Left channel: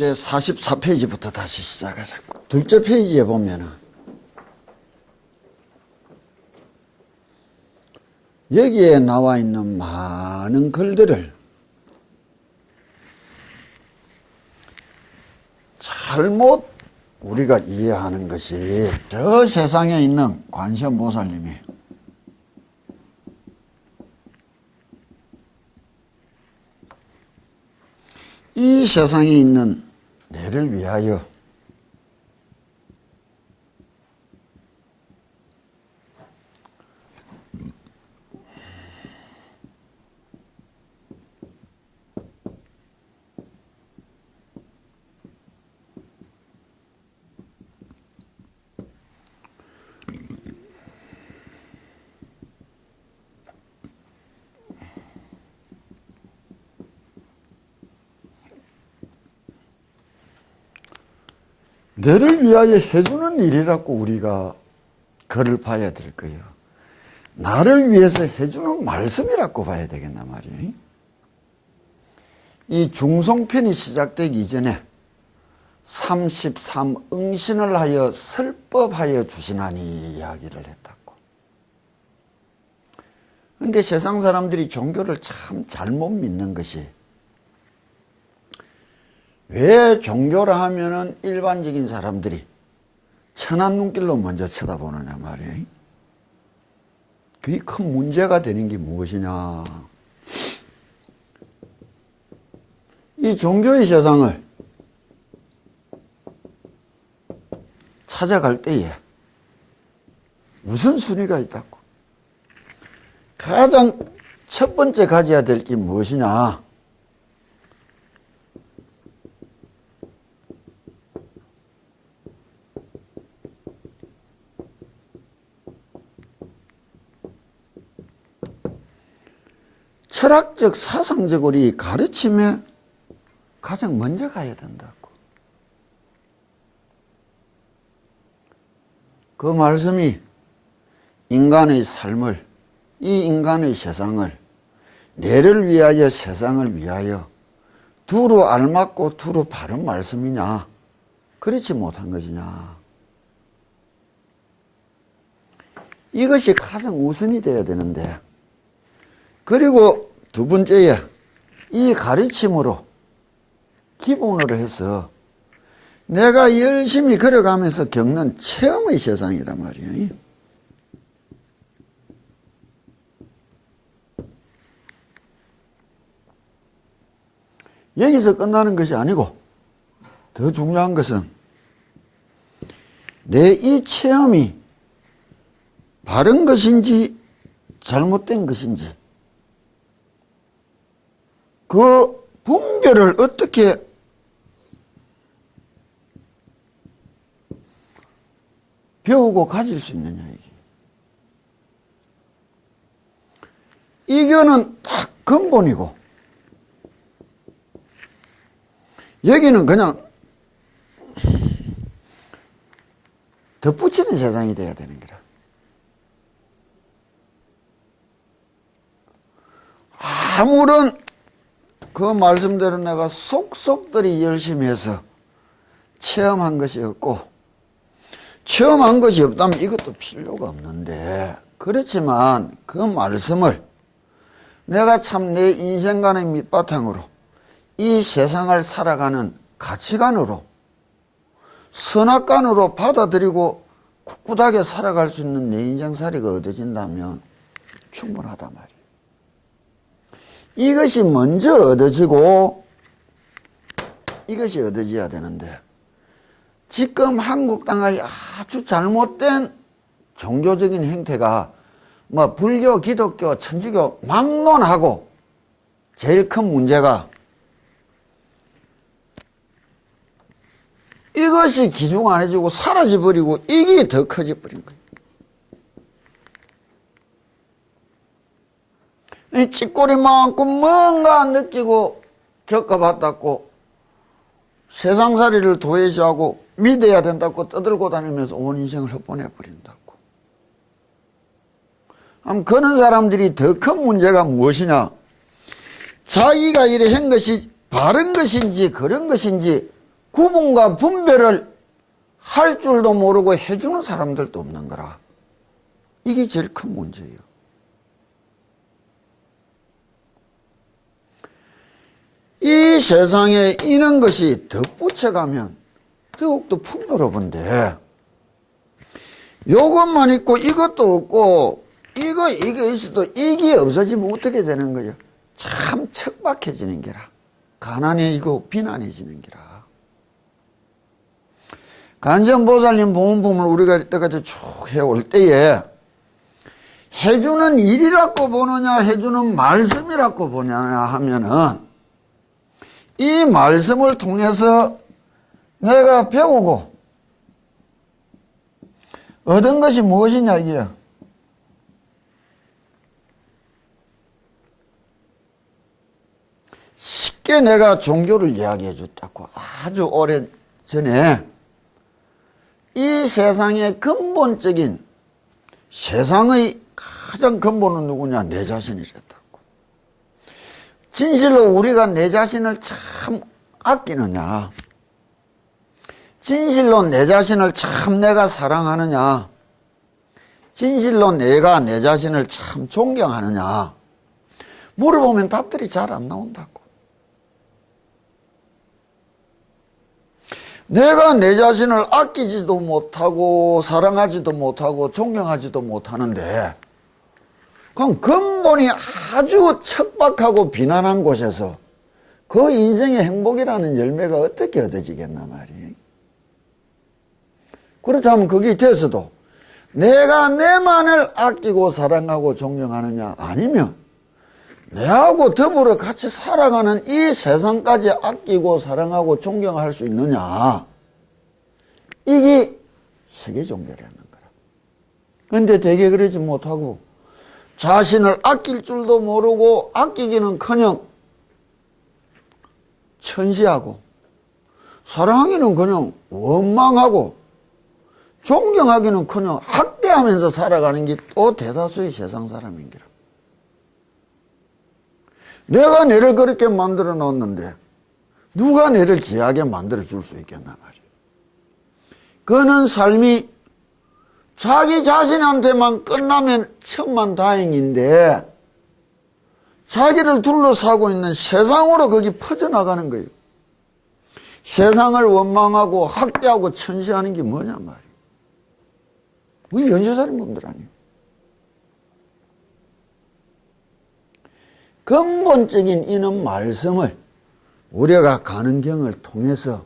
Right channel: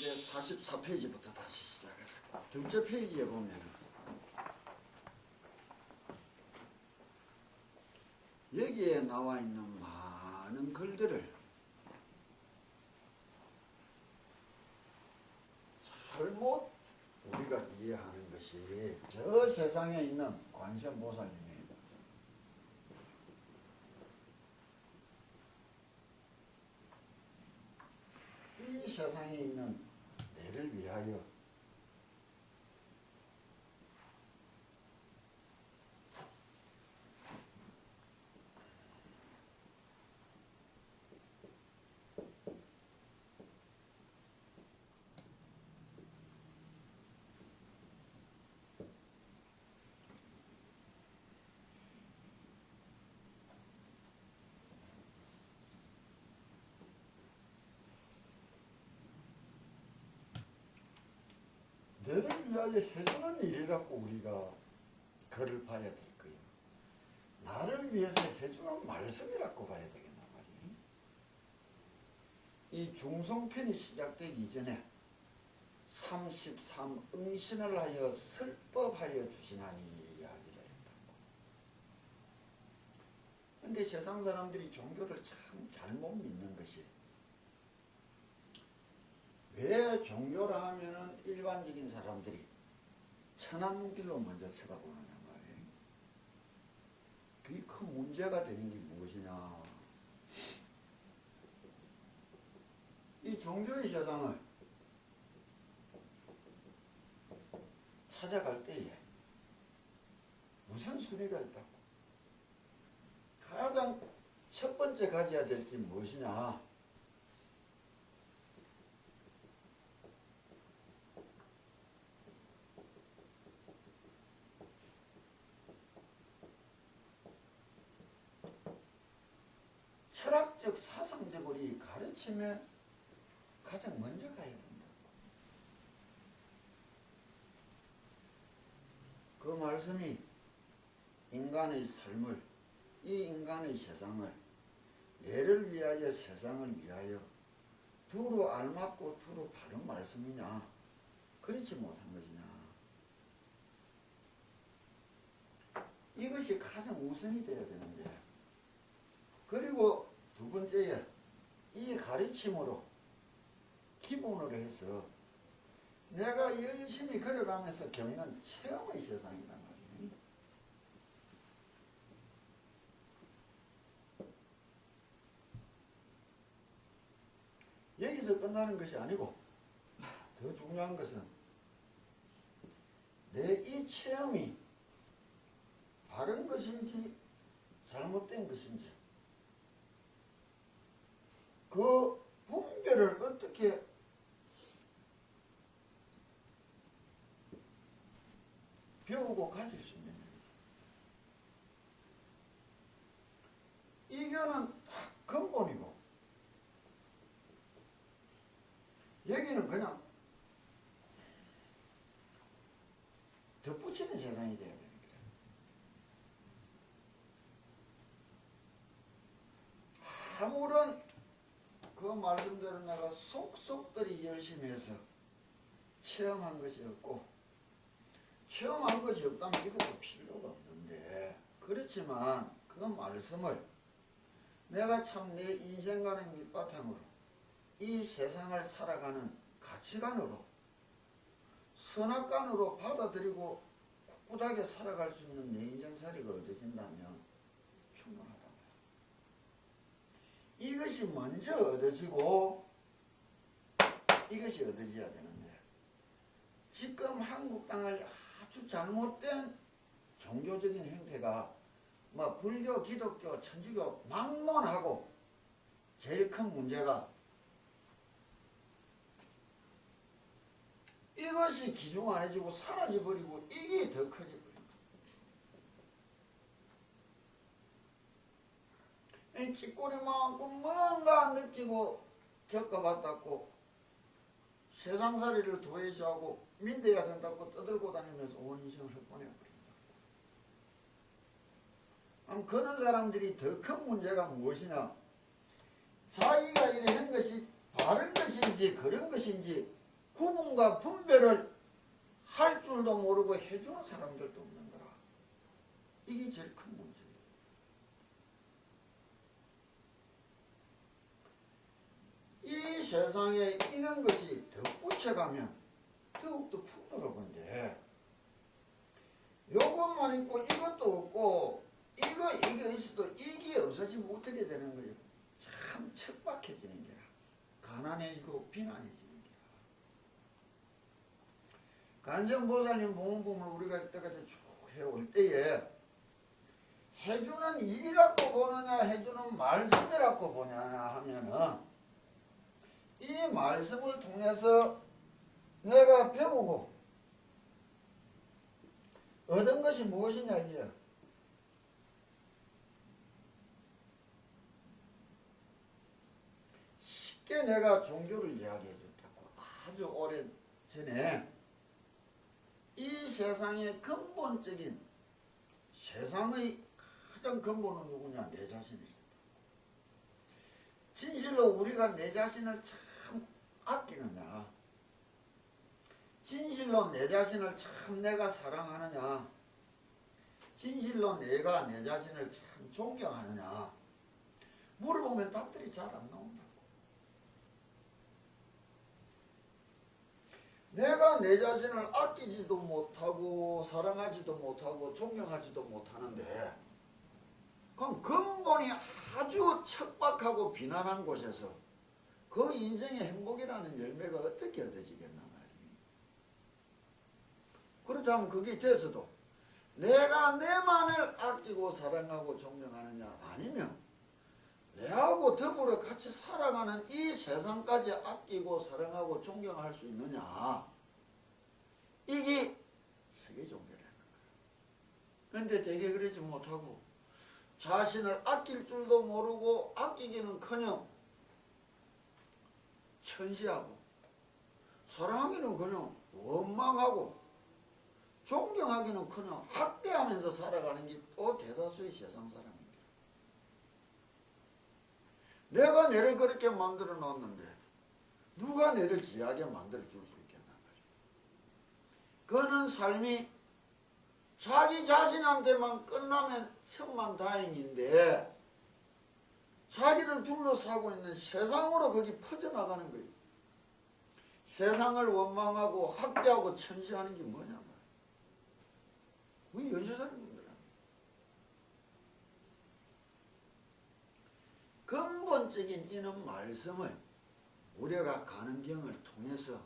이제 44페이지부터 다시 시작하자고. 둘째 페이지에 보면은 여기에 나와 있는 많은 글들을 잘못 우리가 이해하는 것이 저 세상에 있는 관세음보살님이 이 세상에 있는 내를 위하여 너를 위하여 해주는 일이라고 우리가 글을 봐야 될 거예요. 나를 위해서 해주는 말씀이라고 봐야 되겠나 말이에요. 이 중송편이 시작되기 이전에 33응신을 하여 설법하여 주시나니 이야기를 했다고. 그런데 세상 사람들이 종교를 참 잘못 믿는 것이, 왜 종교라 하면은 일반적인 사람들이 천한 눈길로 먼저 쳐다보느냐 말이에요. 그게 큰 문제가 되는 게 무엇이냐. 이 종교의 세상을 찾아갈 때에 우선순위가 있다고. 가장 첫 번째 가져야 될 게 무엇이냐. 철학적, 사상적으로 이 가르침에 가장 먼저 가야 된다고. 그 말씀이 인간의 삶을, 이 인간의 세상을, 내를 위하여 세상을 위하여 두루 알맞고 두루 바른 말씀이냐, 그렇지 못한 것이냐. 이것이 가장 우선이 되어야 되는데, 그리고 두 번째에 이 가르침으로 기본으로 해서 내가 열심히 걸어가면서 겪는 체험의 세상이란 말이에요. 여기서 끝나는 것이 아니고 더 중요한 것은 내 이 체험이 바른 것인지 잘못된 것인지 그 분별을 어떻게 배우고 가질 수 있느냐, 이거는 딱 근본이고, 여기는 그냥 덧붙이는 세상이 돼야 되는 거라. 아무런 그 말씀대로 내가 속속들이 열심히 해서 체험한 것이 없고, 체험한 것이 없다면 이것도 필요가 없는데, 그렇지만 그 말씀을 내가 참 내 인생관의 밑바탕으로 이 세상을 살아가는 가치관으로, 선악관으로 받아들이고 꿋꿋하게 살아갈 수 있는 내 인생살이가 얻어진다면 충분하단 말이에요. 이것이 먼저 얻어지고 이것이 얻어져야 되는데, 지금 한국 땅의 아주 잘못된 종교적인 행태가 뭐 불교, 기독교, 천주교 막론하고, 제일 큰 문제가 이것이 기중 안 해지고 사라져버리고 이게 더 커져버린 거예요. 이 찌꼬리만큼 뭔가 느끼고 겪어봤다고 세상살이를 도외시하고 믿어야 된다고 떠들고 다니면서 온 인생을 헛보내버린다고. 그런 사람들이 더 큰 문제가 무엇이냐. 자기가 이래 한 것이 바른 것인지 그런 것인지 구분과 분별을 할 줄도 모르고 해주는 사람들도 없는 거라. 이게 제일 큰 문제예요. 이 세상에 이런 것이 덧붙여가면 더욱더 풍요로운데, 요것만 있고 이것도 없고 이거 있어도 이게 없어지면 어떻게 되는 거예요? 참 척박해지는 게라. 가난해지고 비난해지는 게라. 관세음보살님 보문품을 우리가 이때까지 쭉 해올 때에 해주는 일이라고 보느냐 해주는 말씀이라고 보느냐 하면은, 이 말씀을 통해서 내가 배우고 얻은 것이 무엇이냐 이게요. 쉽게 내가 종교를 이야기해 줬다고 아주 오래 전에 이 세상의 근본적인, 세상의 가장 근본은 누구냐? 내 자신이랬다고. 진실로 우리가 내 자신을 참 아끼느냐? 진실로 내 자신을 참 내가 사랑하느냐? 진실로 내가 내 자신을 참 존경하느냐? 물어보면 답들이 잘 안 나온다고. 내가 내 자신을 아끼지도 못하고 사랑하지도 못하고 존경하지도 못하는데, 그럼 근본이 아주 척박하고 비난한 곳에서 그 인생의 행복이라는 열매가 어떻게 얻어지겠나 말이에요. 그렇다면 거기 돼서도 내가 내만을 아끼고 사랑하고 존경하느냐, 아니면 내하고 더불어 같이 살아가는 이 세상까지 아끼고 사랑하고 존경할 수 있느냐, 이게 세계 종교라는 거라. 그런데 대개 그러지 못하고 자신을 아낄 줄도 모르고 아끼기는커녕 천시하고 사랑하기는커녕 원망하고 존경하기는커녕 학대하면서 살아가는 게 또 대다수의 세상 사람인 거라. 내가 내를 그렇게 만들어 놓았는데 누가 내를 귀하게 만들어 줄 수 있겠나 말이야. 그는 삶이 자기 자신한테만 끝나면 천만다행인데 자기를 둘러싸고 있는 세상으로 거기 퍼져나가는 거예요. 세상을 원망하고 학대하고 천시하는 게 뭐냐 말이야. 우리 연쇄살인 분들 아니에요. 근본적인 이는 말씀을 우리가 가는경을 통해서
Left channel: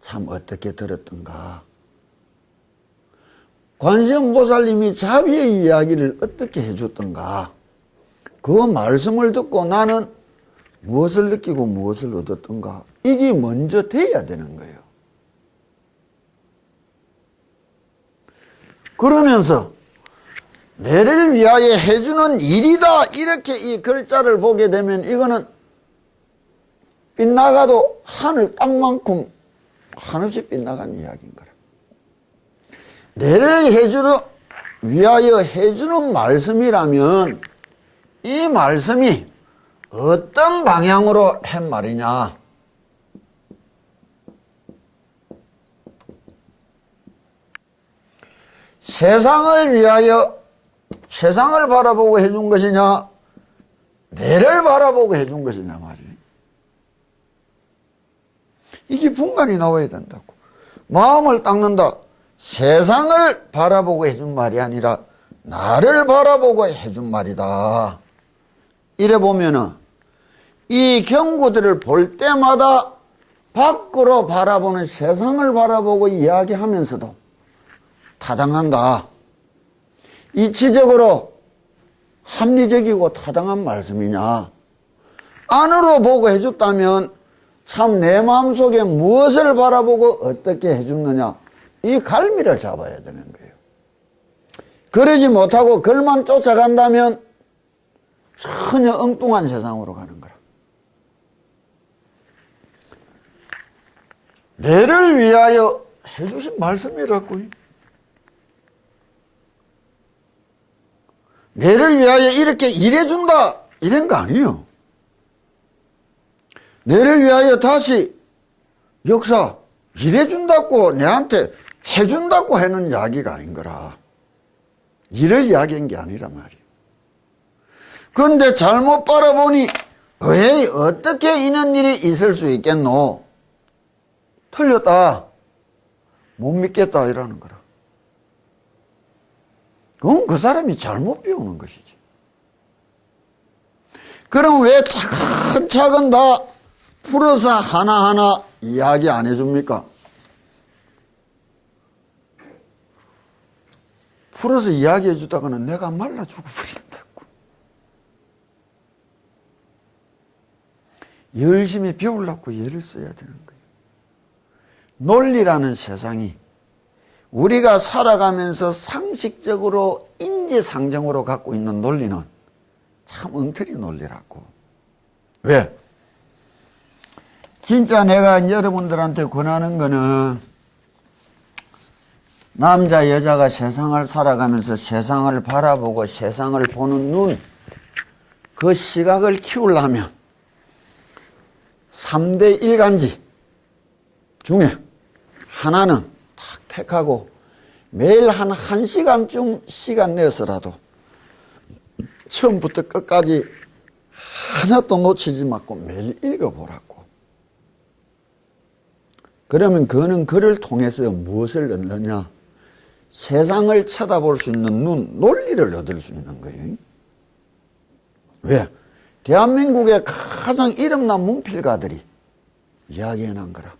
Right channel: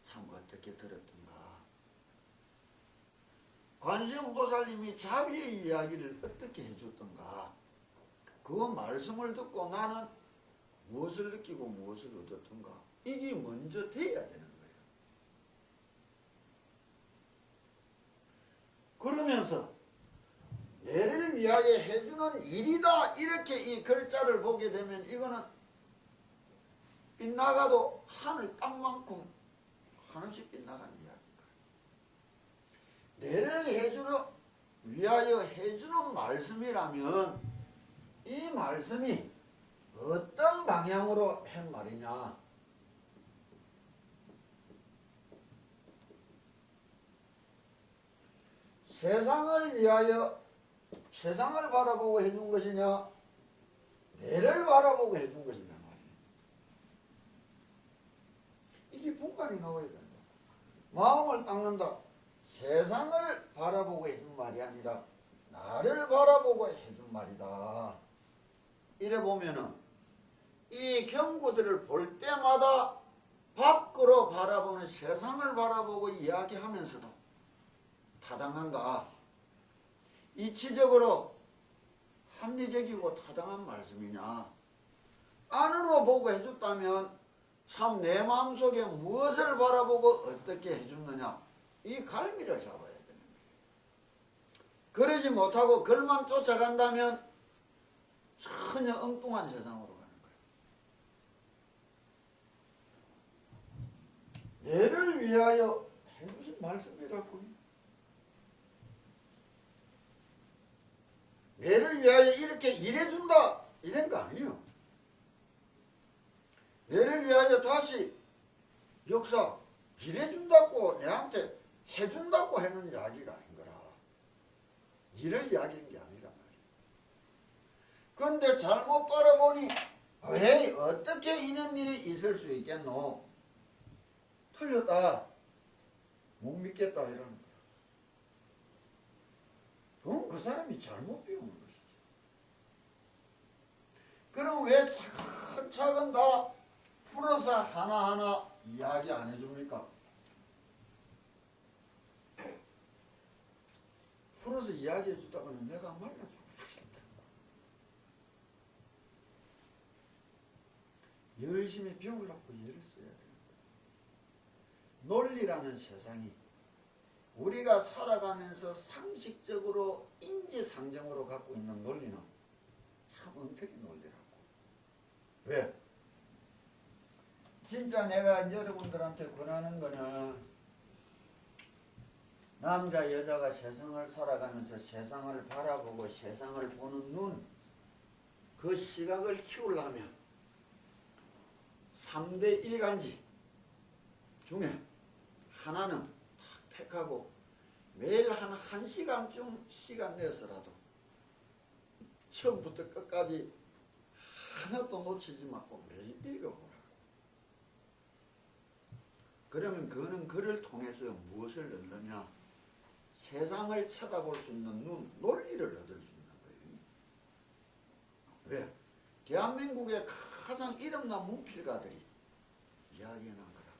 참 어떻게 들었던가. 관세음보살님이 자비의 이야기를 어떻게 해줬던가. 그 말씀을 듣고 나는 무엇을 느끼고 무엇을 얻었던가. 이게 먼저 돼야 되는 거예요. 그러면서 내를 위하여 해주는 일이다, 이렇게 이 글자를 보게 되면 이거는 빗나가도 하늘 땅만큼 한없이 빗나간 이야기인 거라. 내를 위하여 해주는 말씀이라면 이 말씀이 어떤 방향으로 한 말이냐. 세상을 위하여 세상을 바라보고 해준 것이냐, 내를 바라보고 해준 것이냐 말이에요. 이게 분간이 나와야 된다고. 마음을 닦는다. 세상을 바라보고 해준 말이 아니라 나를 바라보고 해준 말이다. 이래 보면은 이 경구들을 볼 때마다 밖으로 바라보는 세상을 바라보고 이야기하면서도 타당한가? 이치적으로 합리적이고 타당한 말씀이냐? 안으로 보고 해줬다면 참 내 마음속에 무엇을 바라보고 어떻게 해줬느냐, 이 갈미를 잡아야 되는 거예요. 그러지 못하고 그걸만 쫓아간다면 전혀 엉뚱한 세상으로 가는 거라. 내를 위하여 해주신 말씀이라고요. 내를 위하여 이렇게 일해준다, 이런 거 아니에요. 내를 위하여 다시 역사, 일해준다고 내한테 해준다고 하는 이야기가 아닌 거라. 일을 이야기한 게 아니란 말이야. 그런데 잘못 바라보니 왜 어떻게 이런 일이 있을 수 있겠노? 틀렸다. 못 믿겠다 이러는 거라. 그건 그 사람이 잘못 배우는 것이지. 그럼 왜 차근차근 다 풀어서 하나하나 이야기 안 해줍니까? 풀어서 이야기해 주다가는 내가 말라 죽어버린다고. 열심히 배우려고 애를 써야 되는 거예요. 논리라는 세상이 우리가 살아가면서 상식적으로 인지상정으로 갖고 있는 논리는 참 엉터리 논리라고. 왜? 진짜 내가 여러분들한테 권하는 거는 남자 여자가 세상을 살아가면서 세상을 바라보고 세상을 보는 눈, 그 시각을 키우려면 3대 일간지 중에 하나는 딱 택하고 매일 한 1시간쯤 시간 내서라도 처음부터 끝까지 하나도 놓치지 말고 매일 읽어보라고. 그러면 그는 그를 통해서 무엇을 얻느냐? 세상을 쳐다볼 수 있는 눈, 논리를 얻을 수 있는 거예요. 왜? 대한민국의 가장 이름난 문필가들이 이야기해낸 거라.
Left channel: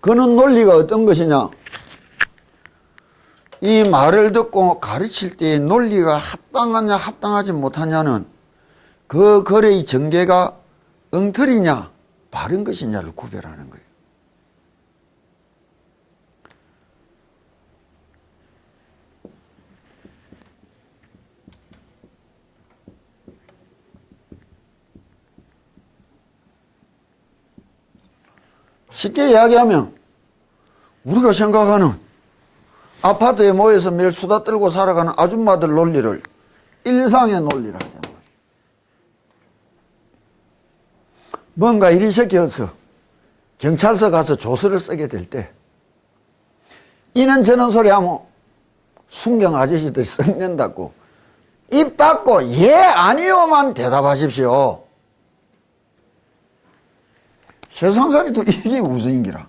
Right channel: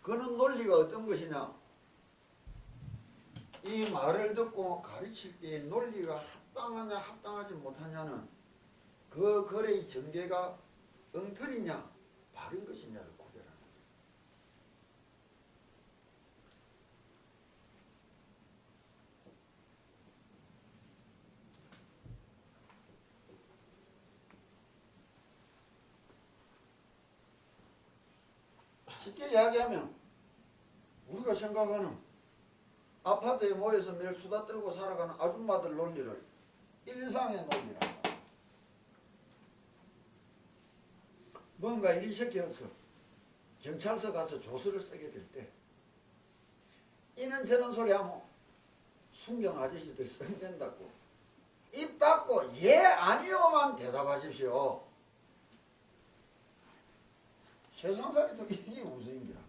그는 논리가 어떤 것이냐? 이 말을 듣고 가르칠 때의 논리가 합당하냐 합당하지 못하냐는 그 글의 전개가 엉터리냐 바른 것이냐를 구별하는 거예요. 쉽게 이야기하면 우리가 생각하는 아파트에 모여서 매일 수다 떨고 살아가는 아줌마들 논리를 일상의 논리라 하잖아요. 뭔가 일이 생겨서 경찰서 가서 조서를 쓰게 될 때 이는 저는 소리 하면 순경 아저씨들이 썩낸다고 입 닫고 예 아니요만 대답하십시오. 세상살이도 이게 우선인기라.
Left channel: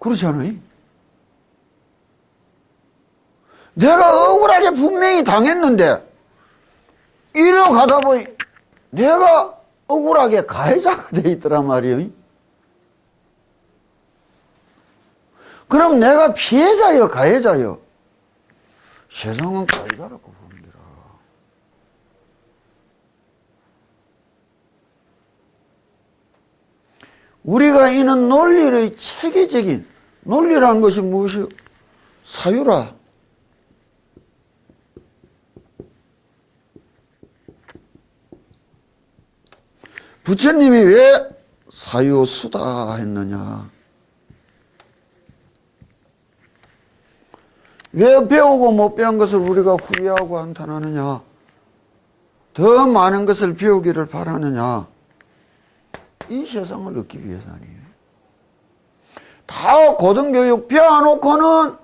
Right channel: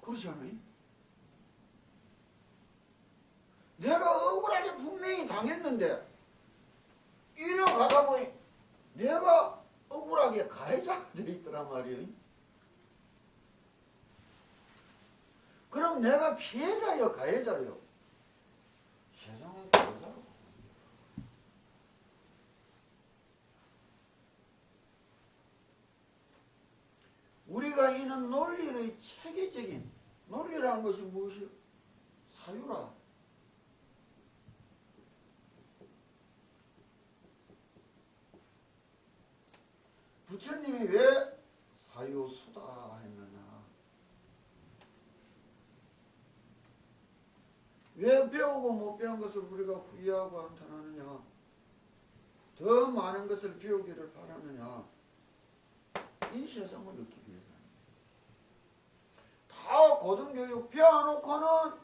그렇지 않아요? 내가 억울하게 분명히 당했는데 이리 가다 보니 내가 억울하게 가해자가 돼 있더란 말이에요. 그럼 내가 피해자요 가해자요? 세상은 가해자라고 봅니다. 우리가 이는 논리의 체계적인 논리라는 것이 무엇이요? 사유라. 부처님이 왜 사유수다 했느냐? 왜 배우고 못 배운 것을 우리가 후회하고 한탄하느냐? 더 많은 것을 배우기를 바라느냐? 이 세상을 얻기 위해서 아니에요. 다 고등교육 배워놓고는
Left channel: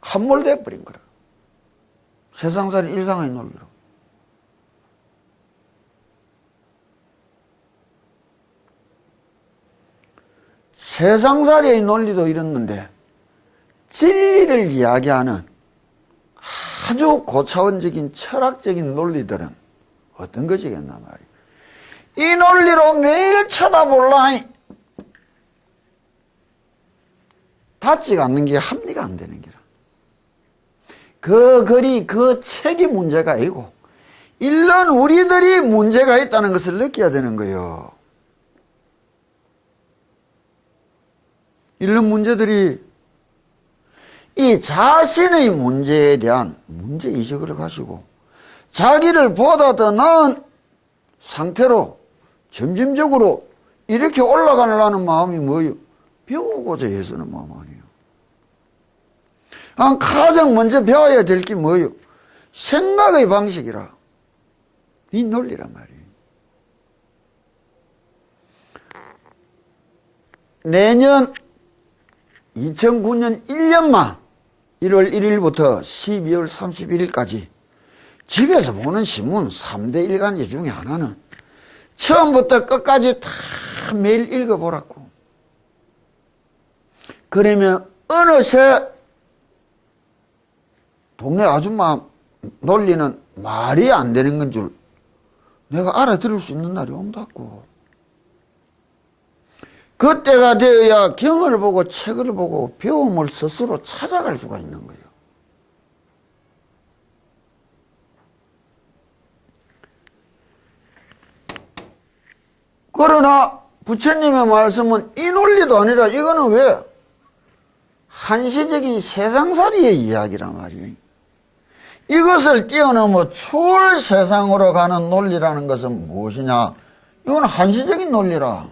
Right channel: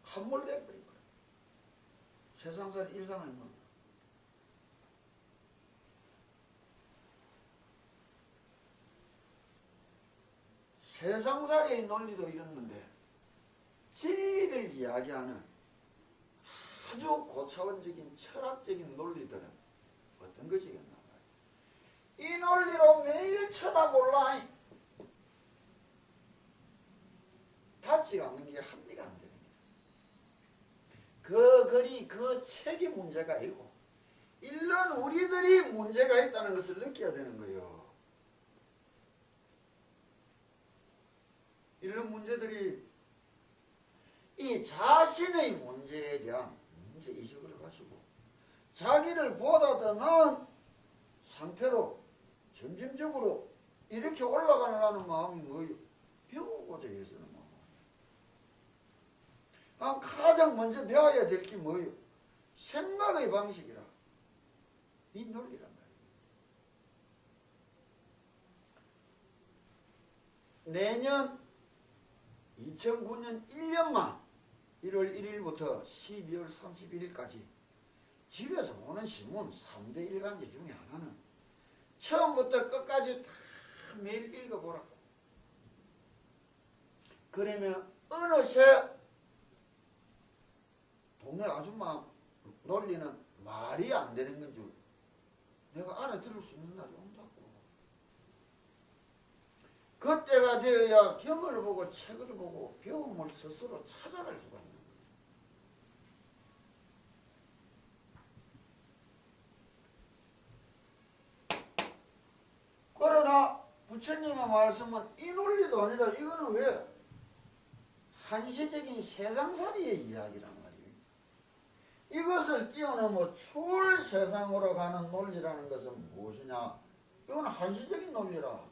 함몰돼 버린 거라. 세상살이 일상의 논리로. 세상살이의 논리도 이랬는데 진리를 이야기하는 아주 고차원적인 철학적인 논리들은 어떤 것이겠나 말이에요. 이 논리로 매일 쳐다볼라 닿지가 않는 게 합리가 안 되는 게라. 그 글이 그 책이 문제가 아니고 이런 우리들이 문제가 있다는 것을 느껴야 되는 거예요. 이런 문제들이 이 자신의 문제에 대한 문제의식을 가지고 자기를 보다 더 나은 상태로 점진적으로 이렇게 올라가려는 마음이 뭐예요? 배우고자 해서는 마음 아니에요. 가장 먼저 배워야 될 게 뭐예요? 생각의 방식이라. 이 논리란 말이에요. 내년 2009년 1년만 1월 1일부터 12월 31일까지 집에서 보는 신문 3대 일간지 중에 하나는 처음부터 끝까지 다 매일 읽어보라고. 그러면 어느새 동네 아줌마 논리는 말이 안 되는 건 줄 내가 알아들을 수 있는 날이 온다고. 그때가 되어야 경을 보고 책을 보고 배움을 스스로 찾아갈 수가 있는 거예요. 그러나 부처님의 말씀은 이 논리도 아니라 이거는 왜? 한시적인 세상살이의 이야기란 말이에요. 이것을 뛰어넘어 추울 세상으로 가는 논리라는 것은 무엇이냐? 이건 한시적인 논리라.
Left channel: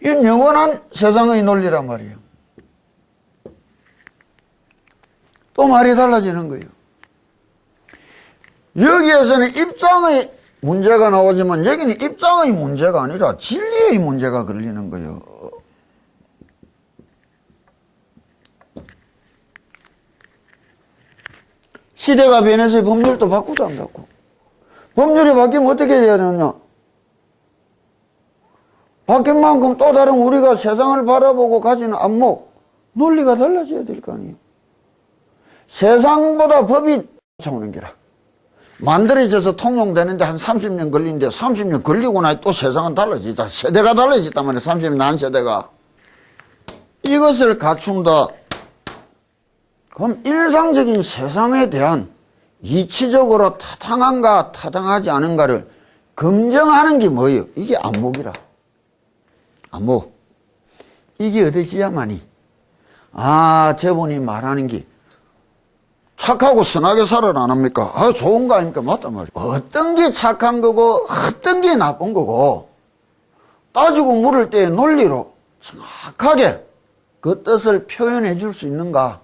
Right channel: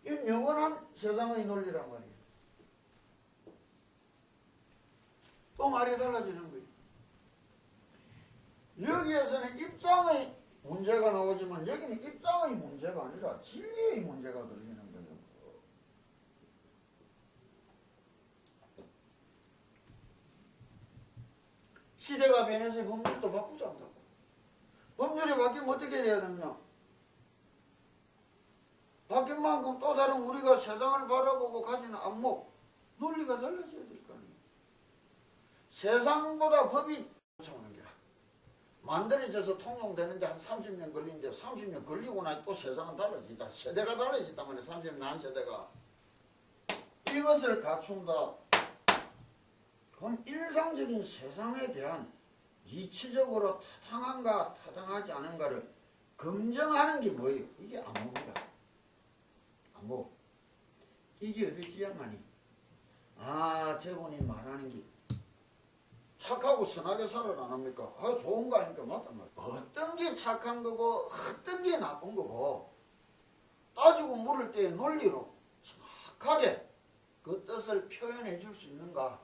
이건 영원한 세상의 논리란 말이에요. 또 말이 달라지는 거예요. 여기에서는 입장의 문제가 나오지만 여기는 입장의 문제가 아니라 진리의 문제가 걸리는 거예요. 시대가 변해서 법률도 바꾸도 안 바꾸고. 법률이 바뀌면 어떻게 해야 되느냐? 바뀐 만큼 또 다른 우리가 세상을 바라보고 가지는 안목, 논리가 달라져야 될 거 아니에요. 세상보다 법이 쫓아오는 게라. 만들어져서 통용되는데 한 30년 걸리는데 30년 걸리고 나니 또 세상은 달라지다. 세대가 달라졌단 말이에요. 30년 난 세대가. 이것을 갖춘다. 그럼 일상적인 세상에 대한 이치적으로 타당한가 타당하지 않은가를 검증하는 게 뭐예요? 이게 안목이라. 안목. 이게 어디지야만이 아 저분이 말하는 게 착하고 선하게 살아라 안 합니까? 아 좋은 거 아닙니까? 맞단 말이에요. 어떤 게 착한 거고 어떤 게 나쁜 거고 따지고 물을 때 논리로 정확하게 그 뜻을 표현해 줄 수 있는가?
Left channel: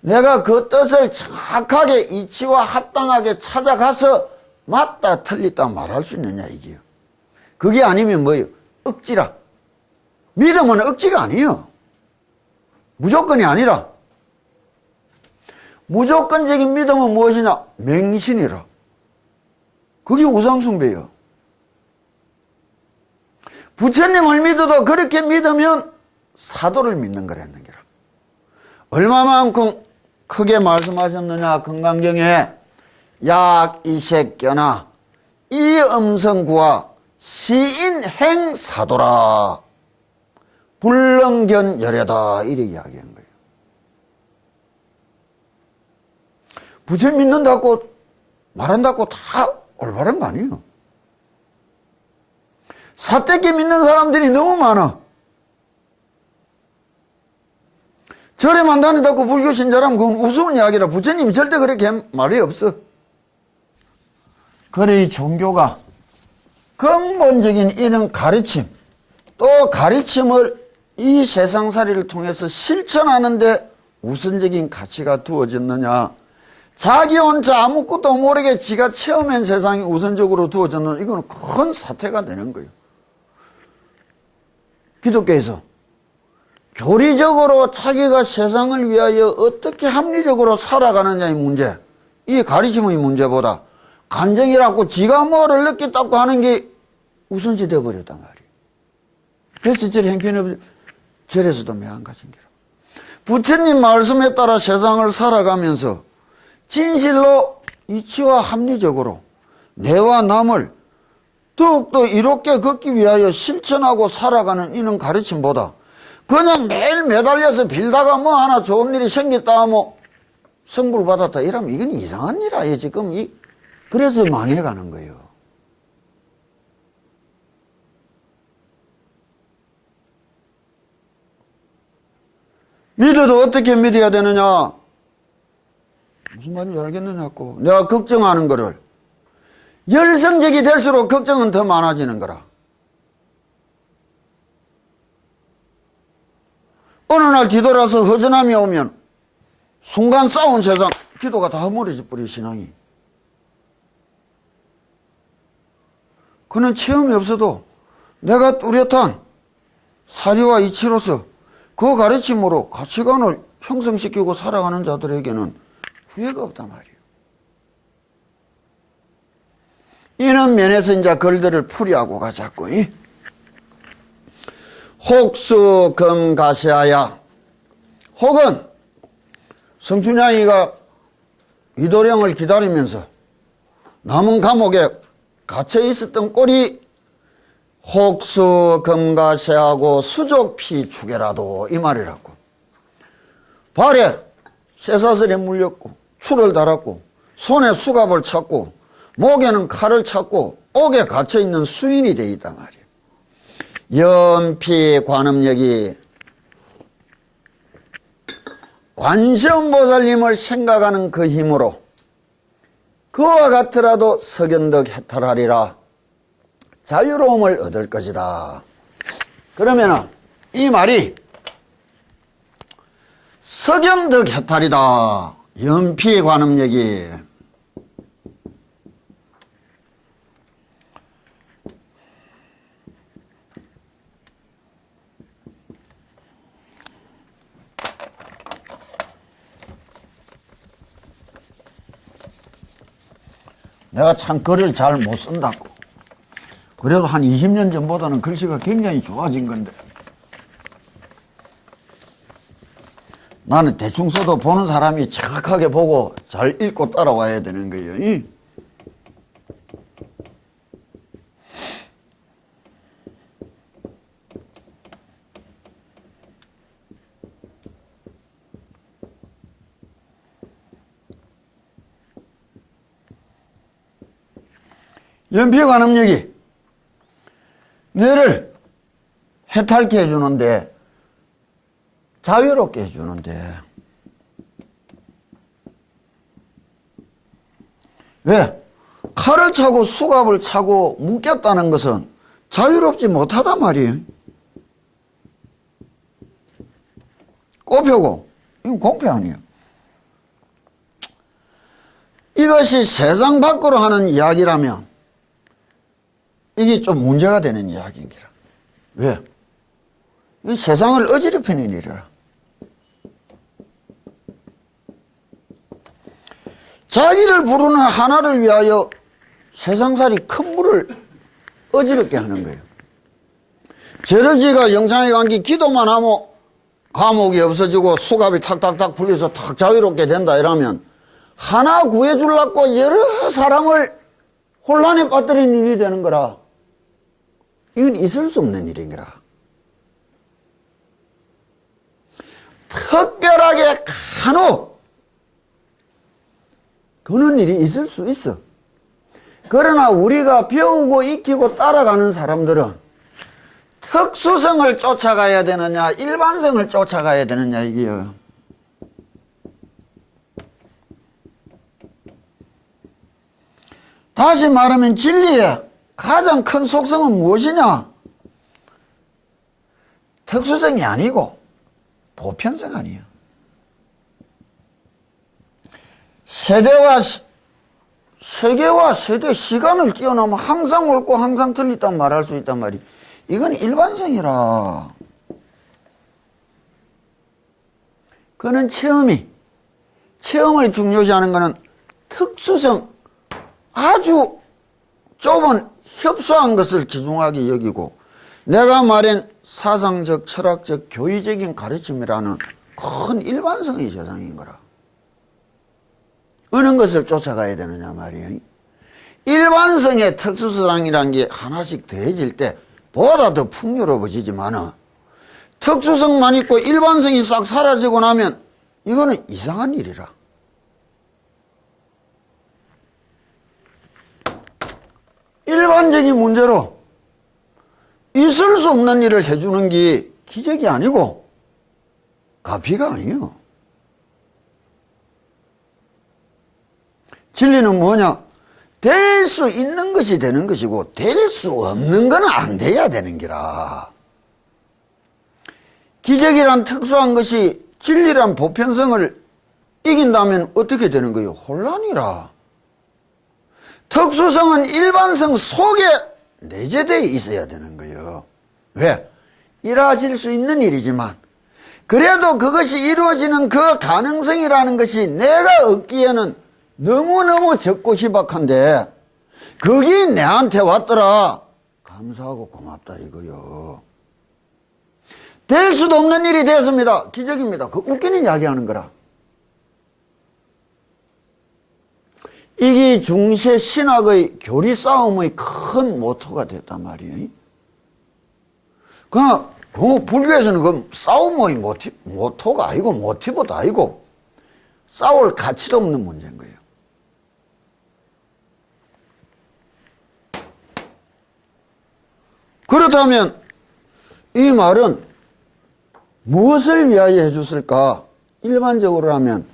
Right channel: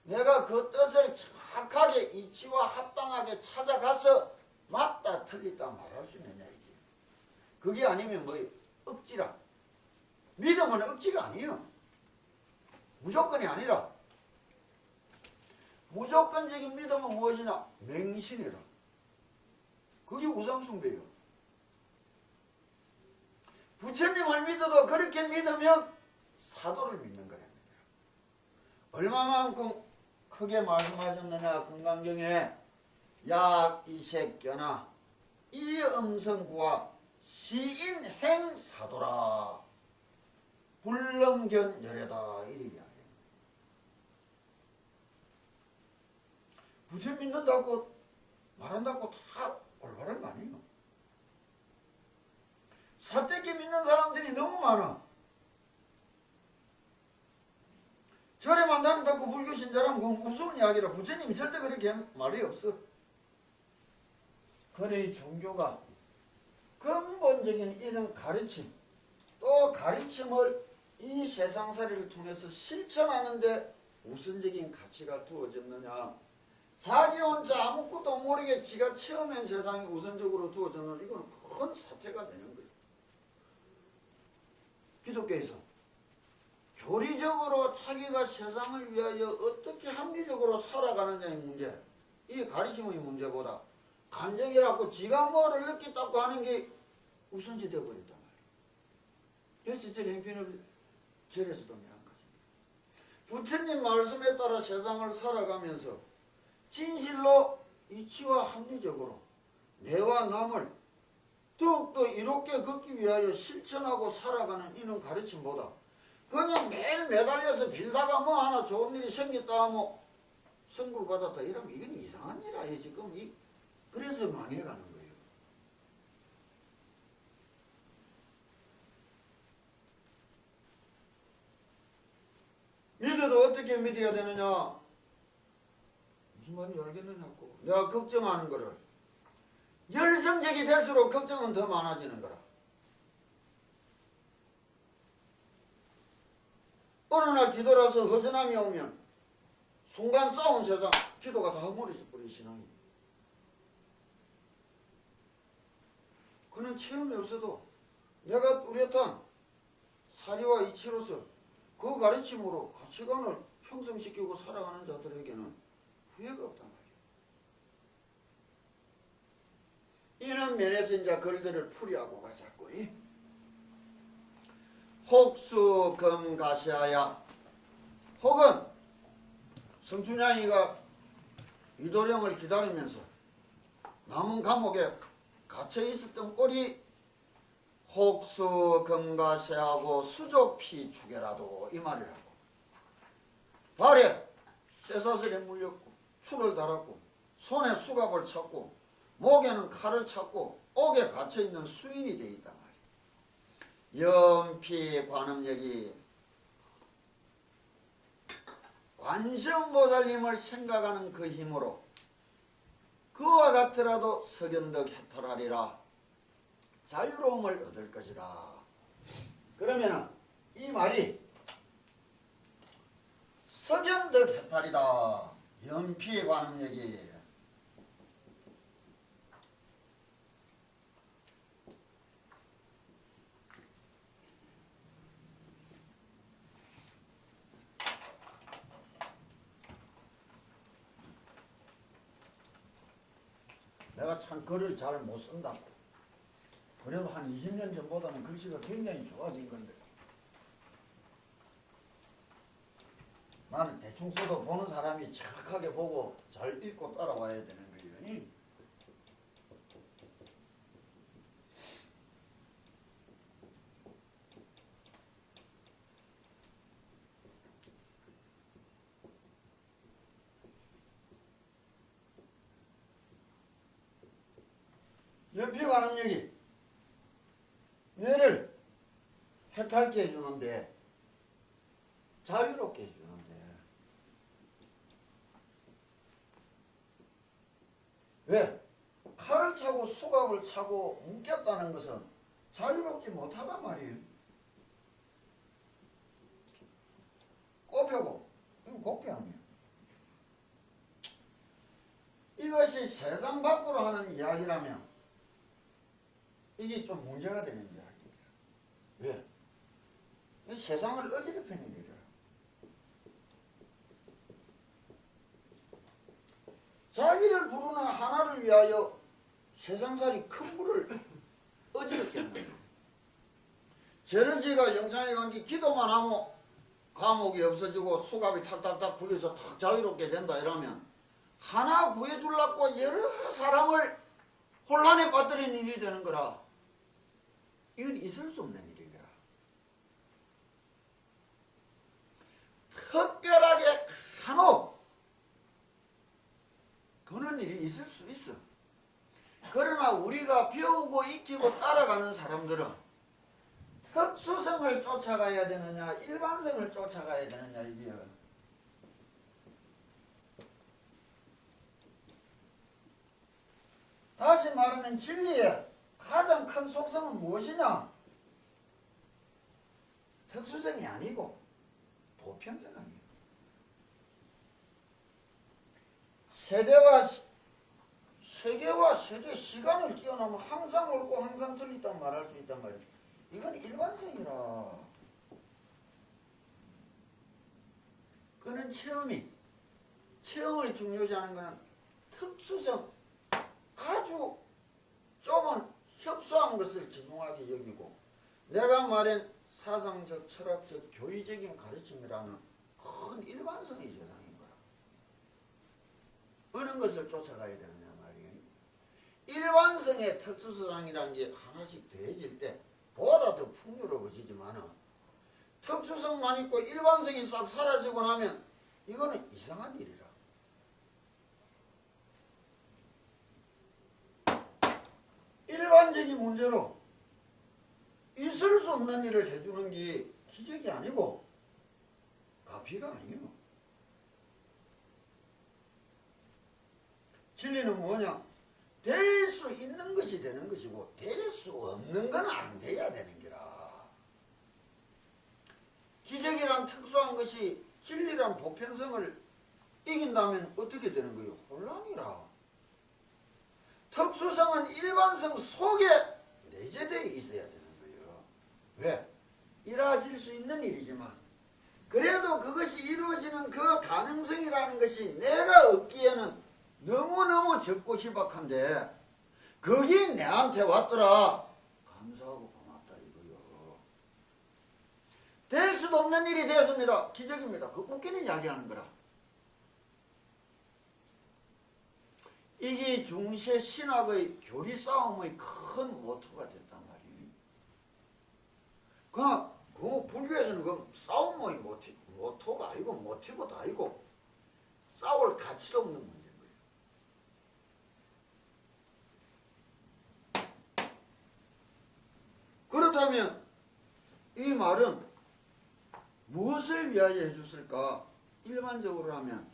내가 그 뜻을 정확하게 이치와 합당하게 찾아가서 맞다 틀리다 말할 수 있느냐 이게요. 그게 아니면 뭐예요? 억지라. 믿음은 억지가 아니에요. 무조건이 아니라. 무조건적인 믿음은 무엇이냐? 맹신이라. 그게 우상숭배예요. 부처님을 믿어도 그렇게 믿으면 사도를 믿는 거라는 거라. 얼마만큼 크게 말씀하셨느냐 금강경에 약 이색견아 이 음성구와 시인행 사도라 불능견 열애다 이렇게 이야기한 거예요. 부처님 믿는다고 말한다고 다 올바른 거 아니에요. 사대끼 믿는 사람들이 너무 많아. 절에만 다닌다고 불교 신자라면 그건 우스운 이야기라. 부처님이 절대 그렇게 말이 없어. 그래 이 종교가 근본적인 이런 가르침 또 가르침을 이 세상살이를 통해서 실천하는데 우선적인 가치가 두어졌느냐. 자기 혼자 아무것도 모르게 지가 체험한 세상이 우선적으로 두어졌느냐. 이건 큰 사태가 되는 거예요. 기독교에서 교리적으로 자기가 세상을 위하여 어떻게 합리적으로 살아가느냐의 문제, 이 가르침의 문제보다 간정이라고 지가 뭐를 느꼈다고 하는 게 우선시 되어버렸단 말이에요. 그래서 절 행편없이 절에서도 매한가진 게라. 부처님 말씀에 따라 세상을 살아가면서 진실로 이치와 합리적으로 내와 남을 더욱더 이롭게 걷기 위하여 실천하고 살아가는 이런 가르침보다 그냥 매일 매달려서 빌다가 뭐 하나 좋은 일이 생겼다 하면 성불 받았다 이러면 이건 이상한 일 아니에요. 지금 그래서 망해가는 거예요. 믿어도 어떻게 믿어야 되느냐? 무슨 말인지 알겠느냐고. 내가 걱정하는 거를 열성적이 될수록 걱정은 더 많아지는 거라. 어느 날 뒤돌아서 허전함이 오면 순간 싸운 세상 기도가 다 허물어져 버려 신앙이. 그는 체험이 없어도 내가 뚜렷한 사리와 이치로서 그 가르침으로 가치관을 형성시키고 살아가는 자들에게는 후회가 없단 말이에요. 이런 면에서 이제 글들을 풀이하고 가자고. 혹수 금가시하야. 혹은 성춘향이가 이도령을 기다리면서 남은 감옥에 갇혀 있었던 꼴이 혹수 금가시하고 수족피 추게라도 이 말이라고. 발에 쇠사슬에 물렸고 추를 달았고 손에 수갑을 찾고 목에는 칼을 찾고 옥에 갇혀있는 수인이 되어 있단 말이에요. 연피 관음력이 관세음보살님을 생각하는 그 힘으로 그와 같더라도 석연덕 해탈하리라. 자유로움을 얻을 것이다. 그러면은 이 말이 석연덕 해탈이다. 연피의 관음력이. 내가 참 글을 잘 못 쓴다고. 그래도 한 20년 전보다는 글씨가 굉장히 좋아진 건데 나는 대충 써도 보는 사람이 정확하게 보고 잘 읽고 따라와야 되는 거예요. 연피관음력이 너를 해탈케 해주는데 자유롭게 해주는데 왜? 칼을 차고 수갑을 차고 묶였다는 것은 자유롭지 못하단 말이에요. 꼽혀고 이건 공평 아니에요. 이것이 세상 밖으로 하는 이야기라면 이게 좀 문제가 되는 이야기인기라. 왜? 이 세상을 어지럽히는 일이라. 자기를 부르는 하나를 위하여 세상살이 큰 물을 어지럽게 하는 거예요. 죄를 지가 영창에 간 게 기도만 하면 감옥이 없어지고 수갑이 탁탁탁 풀려서 탁 자유롭게 된다 이러면 하나 구해주려고 여러 사람을 혼란에 빠뜨리는 일이 되는 거라. 이건 있을 수 없는 일인 거라. 특별하게 간혹 그런 일이 있을 수 있어. 그러나 우리가 배우고 익히고 따라가는 사람들은 특수성을 쫓아가야 되느냐 일반성을 쫓아가야 되느냐 이게요. 다시 말하면 진리의 가장 큰 속성은 무엇이냐? 특수성이 아니고 보편성 아니에요. 세계와 세대 시간을 뛰어넘어 항상 옳고 항상 틀리다고 말할 수 있단 말이에요. 이건 일반성이라. 그는 체험을 중요시하는 것은 특수성, 아주 좁은 협소한 것을 귀중하게 여기고 내가 말한 사상적, 철학적, 교의적인 가르침이라는 큰 일반성의 세상인 거라. 어느 것을 쫓아가야 되느냐 말이에요. 일반성의 특수성이라는 게 하나씩 더해질 때 보다 더 풍요로워지지만 특수성만 있고 일반성이 싹 사라지고 나면 이거는 이상한 일이라. 일반적인 문제로 있을 수 없는 일을 해주는 게 기적이 아니고 가피가 아니에요. 진리는 뭐냐? 될 수 있는 것이 되는 것이고 될 수 없는 건 안 돼야 되는 기라. 기적이란 특수한 것이 진리란 보편성을 이긴다면 어떻게 되는 거예요? 혼란이라. 특수성은 일반성 속에 내재되어 있어야 되는 거예요. 왜? 이루어질 수 있는 일이지만 그래도 그것이 이루어지는 그 가능성이라는 것이 내가 얻기에는 너무너무 적고 희박한데 그게 내한테 왔더라. 감사하고 고맙다 이거요. 될 수도 없는 일이 되었습니다. 기적입니다. 그 웃기는 이야기 하는 거라. 이게 중세 신학의 교리 싸움의 큰 모토가 됐단 말이에요. 그냥 그 불교에서는 그 싸움의 모토가 아니고 모티브도 아니고 싸울 가치도 없는 문제인 거예요. 그렇다면 이 말은 무엇을 위하여 해줬을까? 일반적으로 하면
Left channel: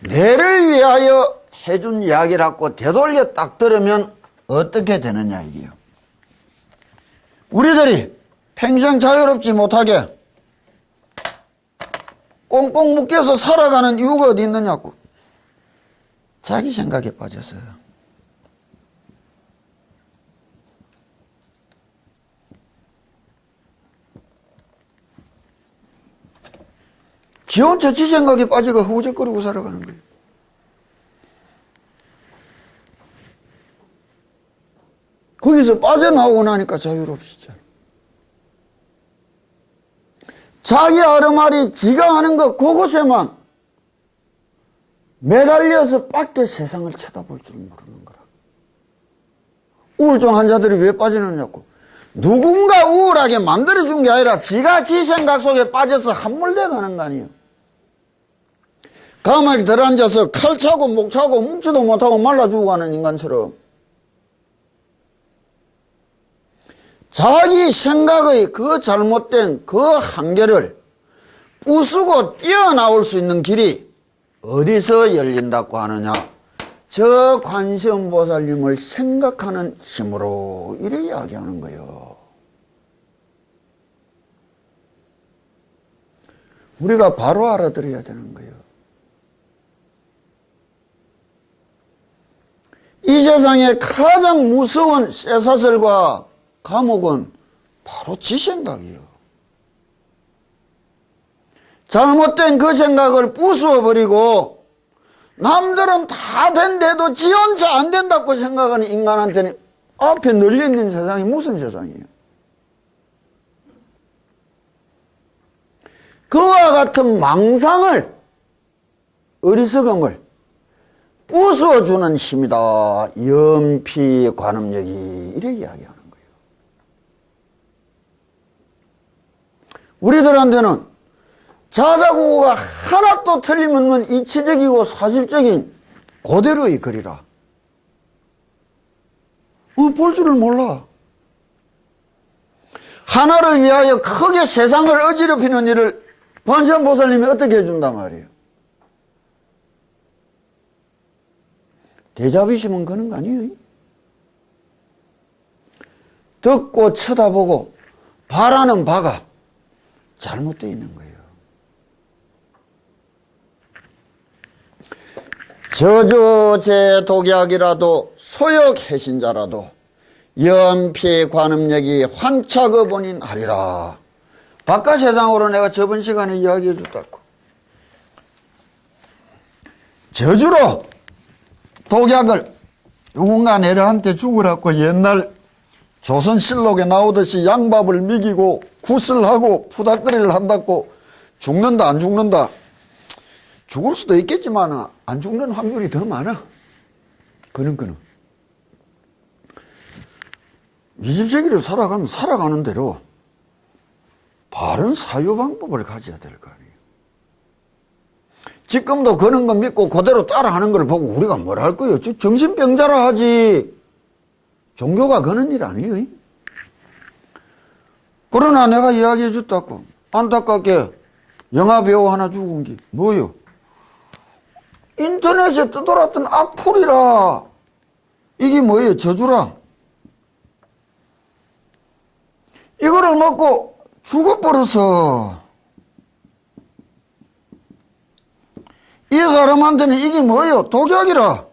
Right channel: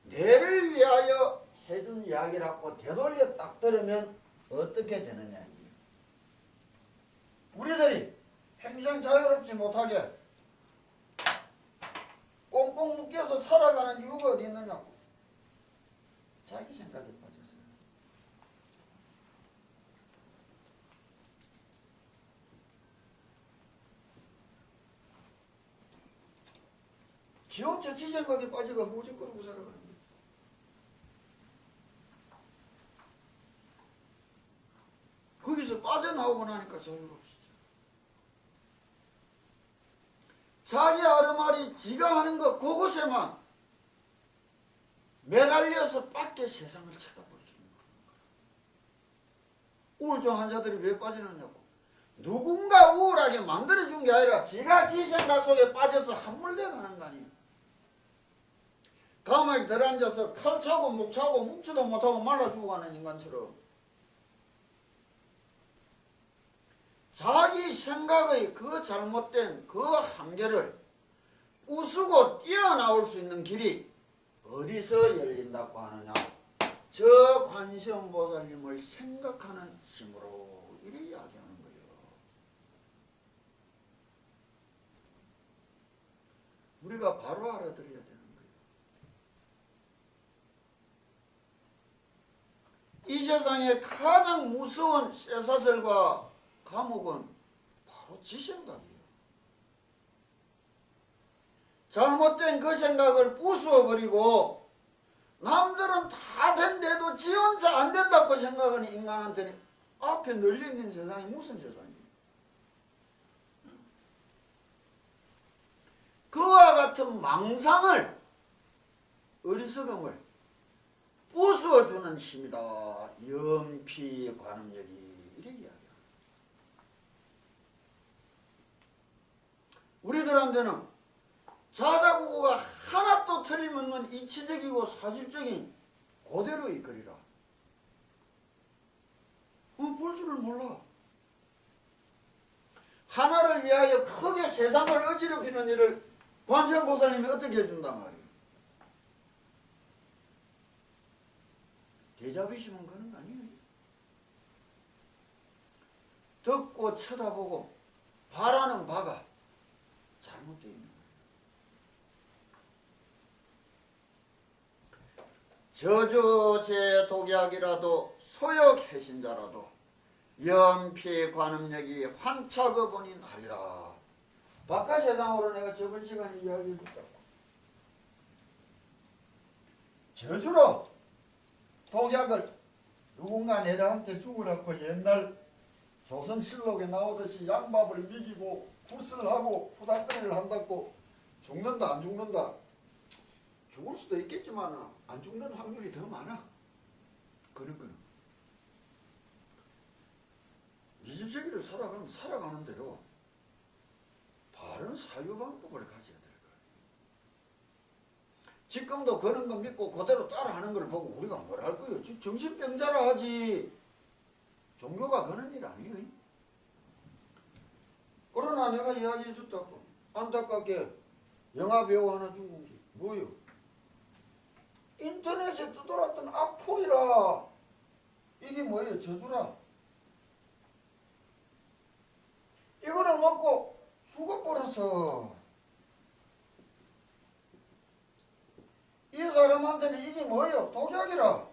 내를 위하여 해준 이야기라고 되돌려 딱 들으면 어떻게 되느냐 이게요. 우리들이 평생 자유롭지 못하게 꽁꽁 묶여서 살아가는 이유가 어디 있느냐고. 자기 생각에 빠졌어요. 지 혼자 지 생각에 빠져가 허우적거리고 살아가는 거예요. 거기서 빠져나오고 나니까 자유롭시죠. 자기 아르마리 지가 하는 것 그곳에만 매달려서 밖에 세상을 쳐다볼 줄 모르는 거라. 우울증 환자들이 왜 빠지느냐고. 누군가 우울하게 만들어준 게 아니라 지가 지 생각 속에 빠져서 함몰돼 가는 거 아니에요. 감옥에 들어앉아서 칼 차고 목 차고 묵지도 못하고 말라 죽어가는 인간처럼 자기 생각의 그 잘못된 그 한계를 부수고 뛰어나올 수 있는 길이 어디서 열린다고 하느냐. 저 관세음보살님을 생각하는 힘으로 이래 이야기하는 거예요. 우리가 바로 알아들어야 되는 거예요. 이 세상에 가장 무서운 쇠사슬과 감옥은 바로 지 생각이에요. 잘못된 그 생각을 부수어버리고 남들은 다 된데도 지 혼자 안 된다고 생각하는 인간한테는 앞에 널려있는 세상이 무슨 세상이에요? 그와 같은 망상을, 어리석음을 부수어주는 힘이다. 연피 관음력이 이렇게 이야기하는 거예요. 우리들한테는 자자구구가 하나도 틀림없는 이치적이고 사실적인 그대로의 글이라. 볼 줄을 몰라. 하나를 위하여 크게 세상을 어지럽히는 일을 관세음보살님이 어떻게 해준단 말이에요. 대자비심은 그런 거 아니에요. 듣고 쳐다보고 바라는 바가 잘못되어 있는 거예요. 저주제 독약이라도 소역해신자라도 연피 관음력이 환착의본인 하리라. 바깥 세상으로 내가 저번 시간에 이야기해 줬다고. 저주로 독약을 누군가 내려한테 죽으라고 옛날 조선실록에 나오듯이 양밥을 먹이고 굿을 하고 푸닥거리를 한다고 죽는다 안 죽는다. 죽을 수도 있겠지만 안 죽는 확률이 더 많아. 그런 거는 20세기를 살아가면 살아가는 대로 바른 사유 방법을 가져야 될 거 아니에요. 지금도 그런 거 믿고 그대로 따라하는 걸 보고 우리가 뭘 할 거예요? 정신병자라 하지. 종교가 그런 일 아니에요. 그러나 내가 이야기해 줬다고. 안타깝게 영화배우 하나 죽은 게 뭐요? 인터넷에 떠돌았던 악플이라. 이게 뭐예요? 저주라. 이거를 먹고 죽어버려서 이 사람한테는 이게 뭐예요? 독약이라.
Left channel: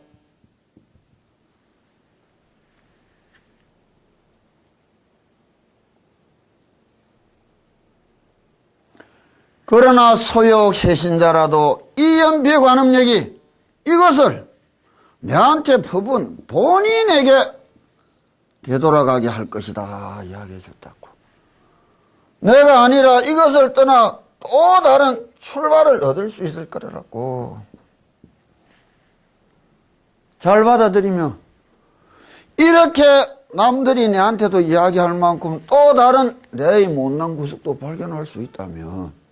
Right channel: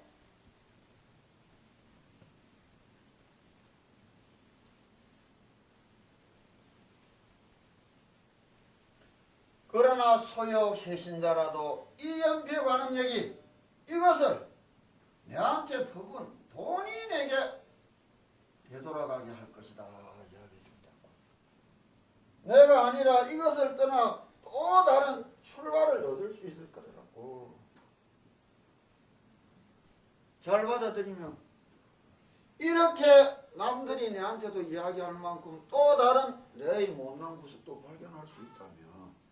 그러나 소욕 해신자라도 이 연피 관음력이 이것을 내한테 퍼본 본인에게 되돌아가게 할 것이다 이야기해 줬다고. 내가 아니라 이것을 떠나 또 다른 출발을 얻을 수 있을 거라고. 잘 받아들이면 이렇게 남들이 내한테도 이야기할 만큼 또 다른 내의 못난 구석도 발견할 수 있다면,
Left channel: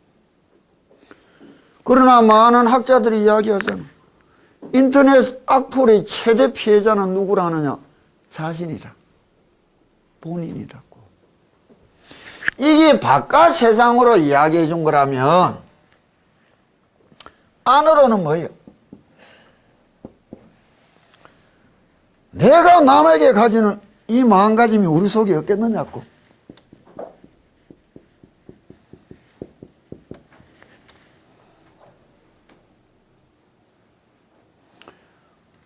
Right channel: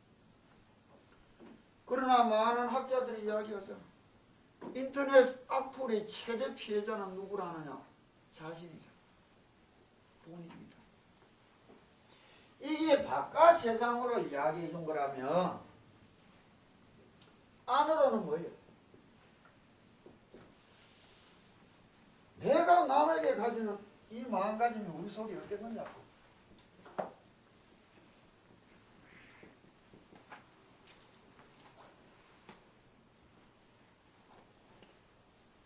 그러나 많은 학자들이 이야기하잖아. 인터넷 악플의 최대 피해자는 누구라느냐? 자신이라. 본인이라고. 이게 바깥 세상으로 이야기해 준 거라면 안으로는 뭐예요? 내가 남에게 가지는 이 마음가짐이 우리 속에 없겠느냐고.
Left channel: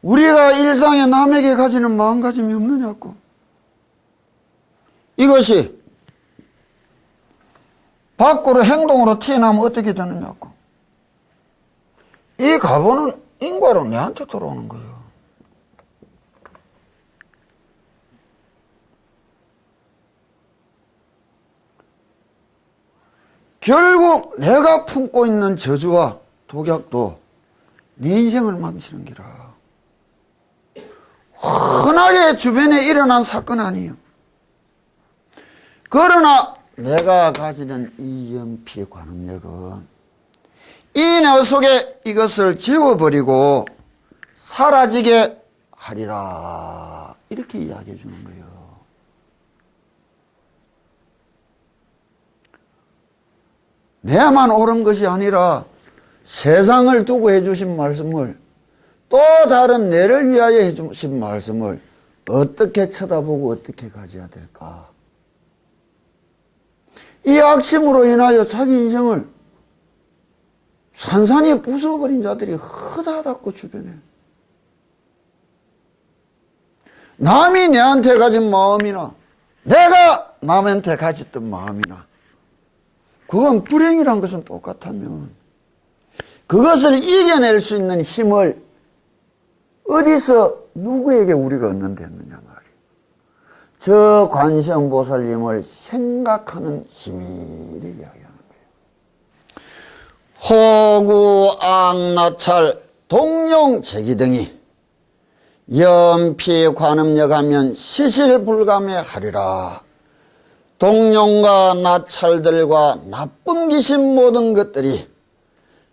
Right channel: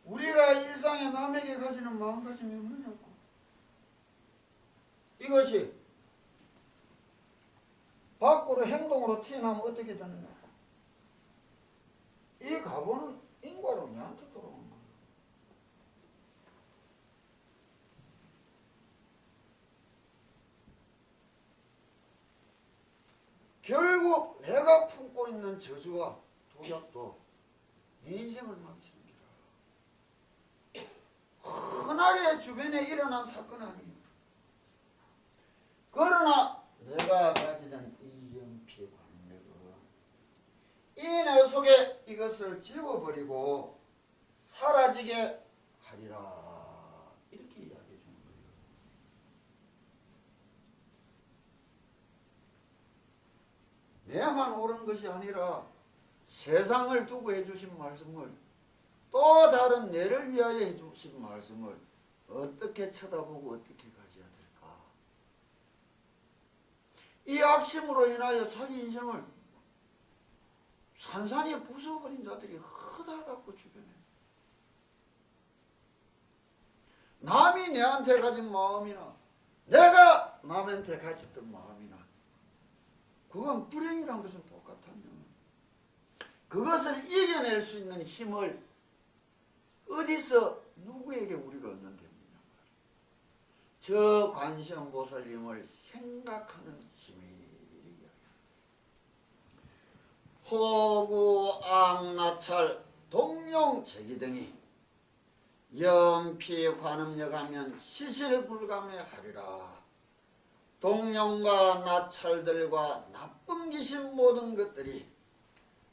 우리가 일상에 남에게 가지는 마음가짐이 없느냐고. 이것이 밖으로 행동으로 튀어나오면 어떻게 되느냐고. 이 가보는 인과로 내한테 돌아오는 거예요. 결국 내가 품고 있는 저주와 독약도 네 인생을 망치는 기라. 흔하게 주변에 일어난 사건 아니에요. 그러나 내가 가지는 이 연피의 관음력은 이 내 속에 이것을 지워버리고 사라지게 하리라. 이렇게 이야기해 주는 거예요. 내만 옳은 것이 아니라 세상을 두고 해주신 말씀을, 또 다른 내를 위하여 해주신 말씀을 어떻게 쳐다보고 어떻게 가져야 될까. 이 악심으로 인하여 자기 인생을 산산히 부숴버린 자들이 허다하다고 주변에. 남이 내한테 가진 마음이나 내가 남한테 가졌던 마음이나 그건 불행이란 것은 똑같다면 그것을 이겨낼 수 있는 힘을 어디서 누구에게 우리가 얻는데 했느냐 말이에요. 저 관세음보살님을 생각하는 힘이를 이야기하는 거예요. 호구, 악나찰, 동룡, 제기 등이 연피 관음력하면 시실불감에 하리라. 동룡과 나찰들과 나쁜 귀신 모든 것들이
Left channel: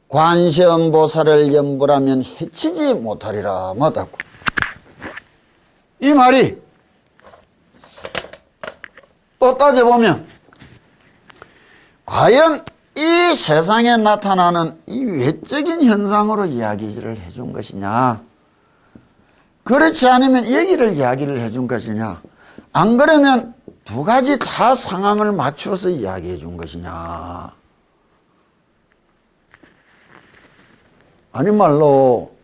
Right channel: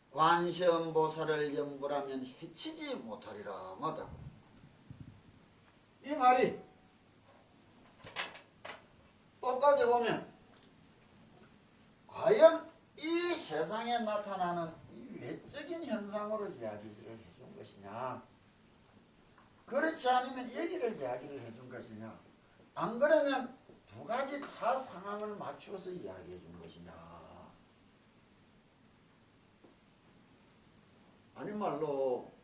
관세음보살을 염불하면 해치지 못하리라. 맞다고. 이 말이 또 따져보면 과연 이 세상에 나타나는 이 외적인 현상으로 이야기를 해준 것이냐, 그렇지 않으면 여기를 이야기를 해준 것이냐, 안 그러면 두 가지 다 상황을 맞추어서 이야기해 준 것이냐. 아니 말로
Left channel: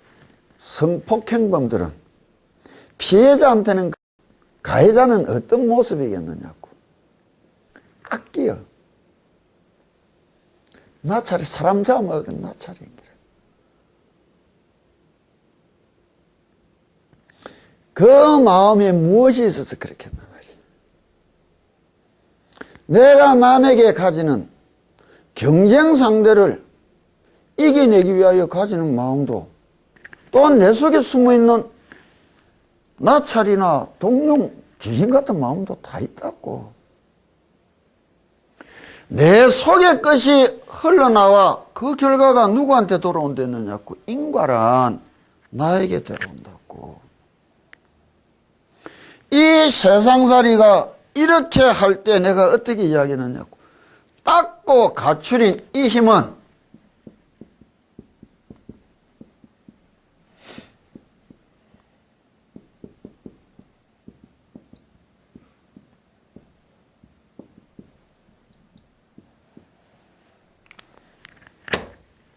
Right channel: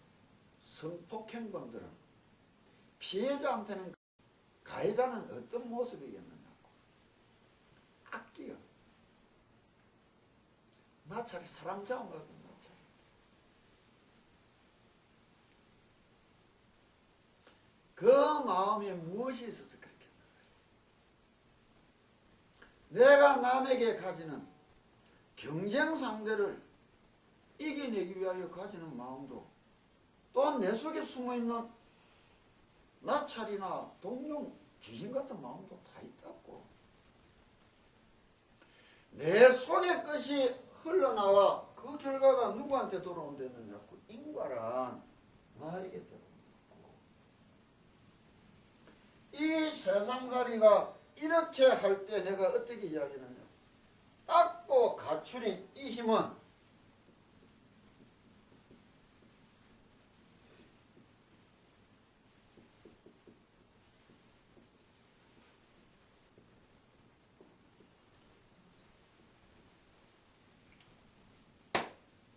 성폭행범들은 피해자한테는 가해자는 어떤 모습이겠느냐고. 악기요. 나찰이 사람 잡아먹은 나찰인 거라. 그 마음에 무엇이 있어서 그렇게 했나 말이야. 내가 남에게 가지는 경쟁 상대를 이겨내기 위하여 가지는 마음도 또한 내 속에 숨어있는 나찰이나 동룡, 귀신 같은 마음도 다 있다고. 내 속의 것이 흘러나와 그 결과가 누구한테 돌아온다느냐고. 인과란 나에게 들어온다고. 이 세상살이가 이렇게 할 때 내가 어떻게 이야기하느냐고. 닦고 갖추린 이 힘은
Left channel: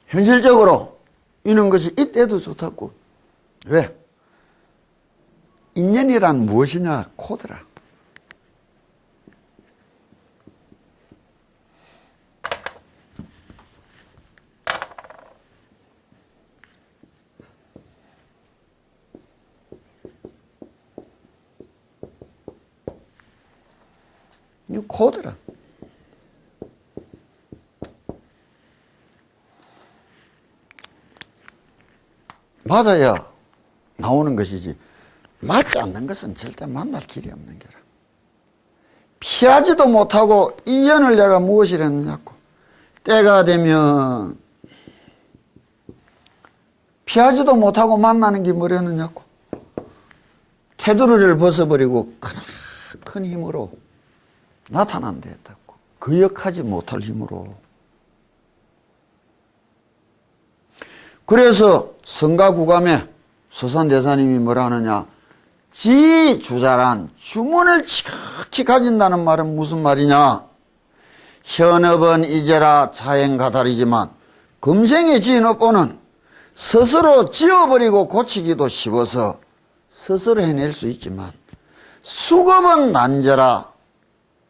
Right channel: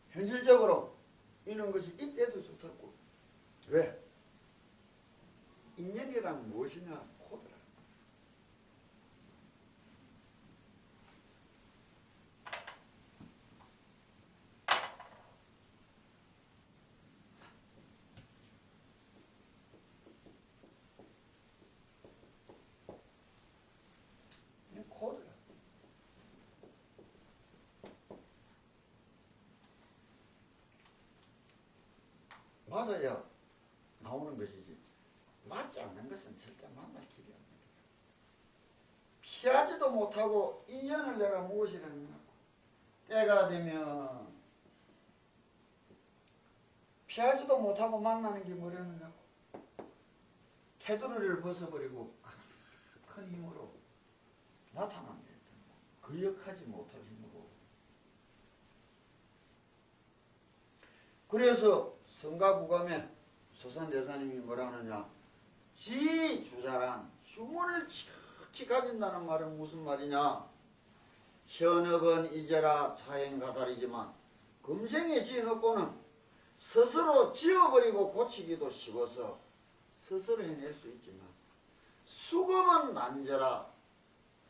현실적으로 이런 것이 이때도 좋다고. 왜? 인연이란 무엇이냐? 코드라. 이 코드라. 맞아야 나오는 것이지 맞지 않는 것은 절대 만날 길이 없는 게라. 피하지도 못하고 이 연을 내가 무엇이라 했느냐고. 때가 되면 피하지도 못하고 만나는 게 뭐랬느냐고. 테두리를 벗어버리고 큰 힘으로 나타난다 했다고. 거역하지 못할 힘으로. 그래서 성가구감에 서산대사님이 뭐라 하느냐. 지주자란 주문을 지극히 가진다는 말은 무슨 말이냐. 현업은 이제라 자행가달이지만 금생의 지인업보는 스스로 지어버리고 고치기도 쉬워서 스스로 해낼 수 있지만 수급은 난제라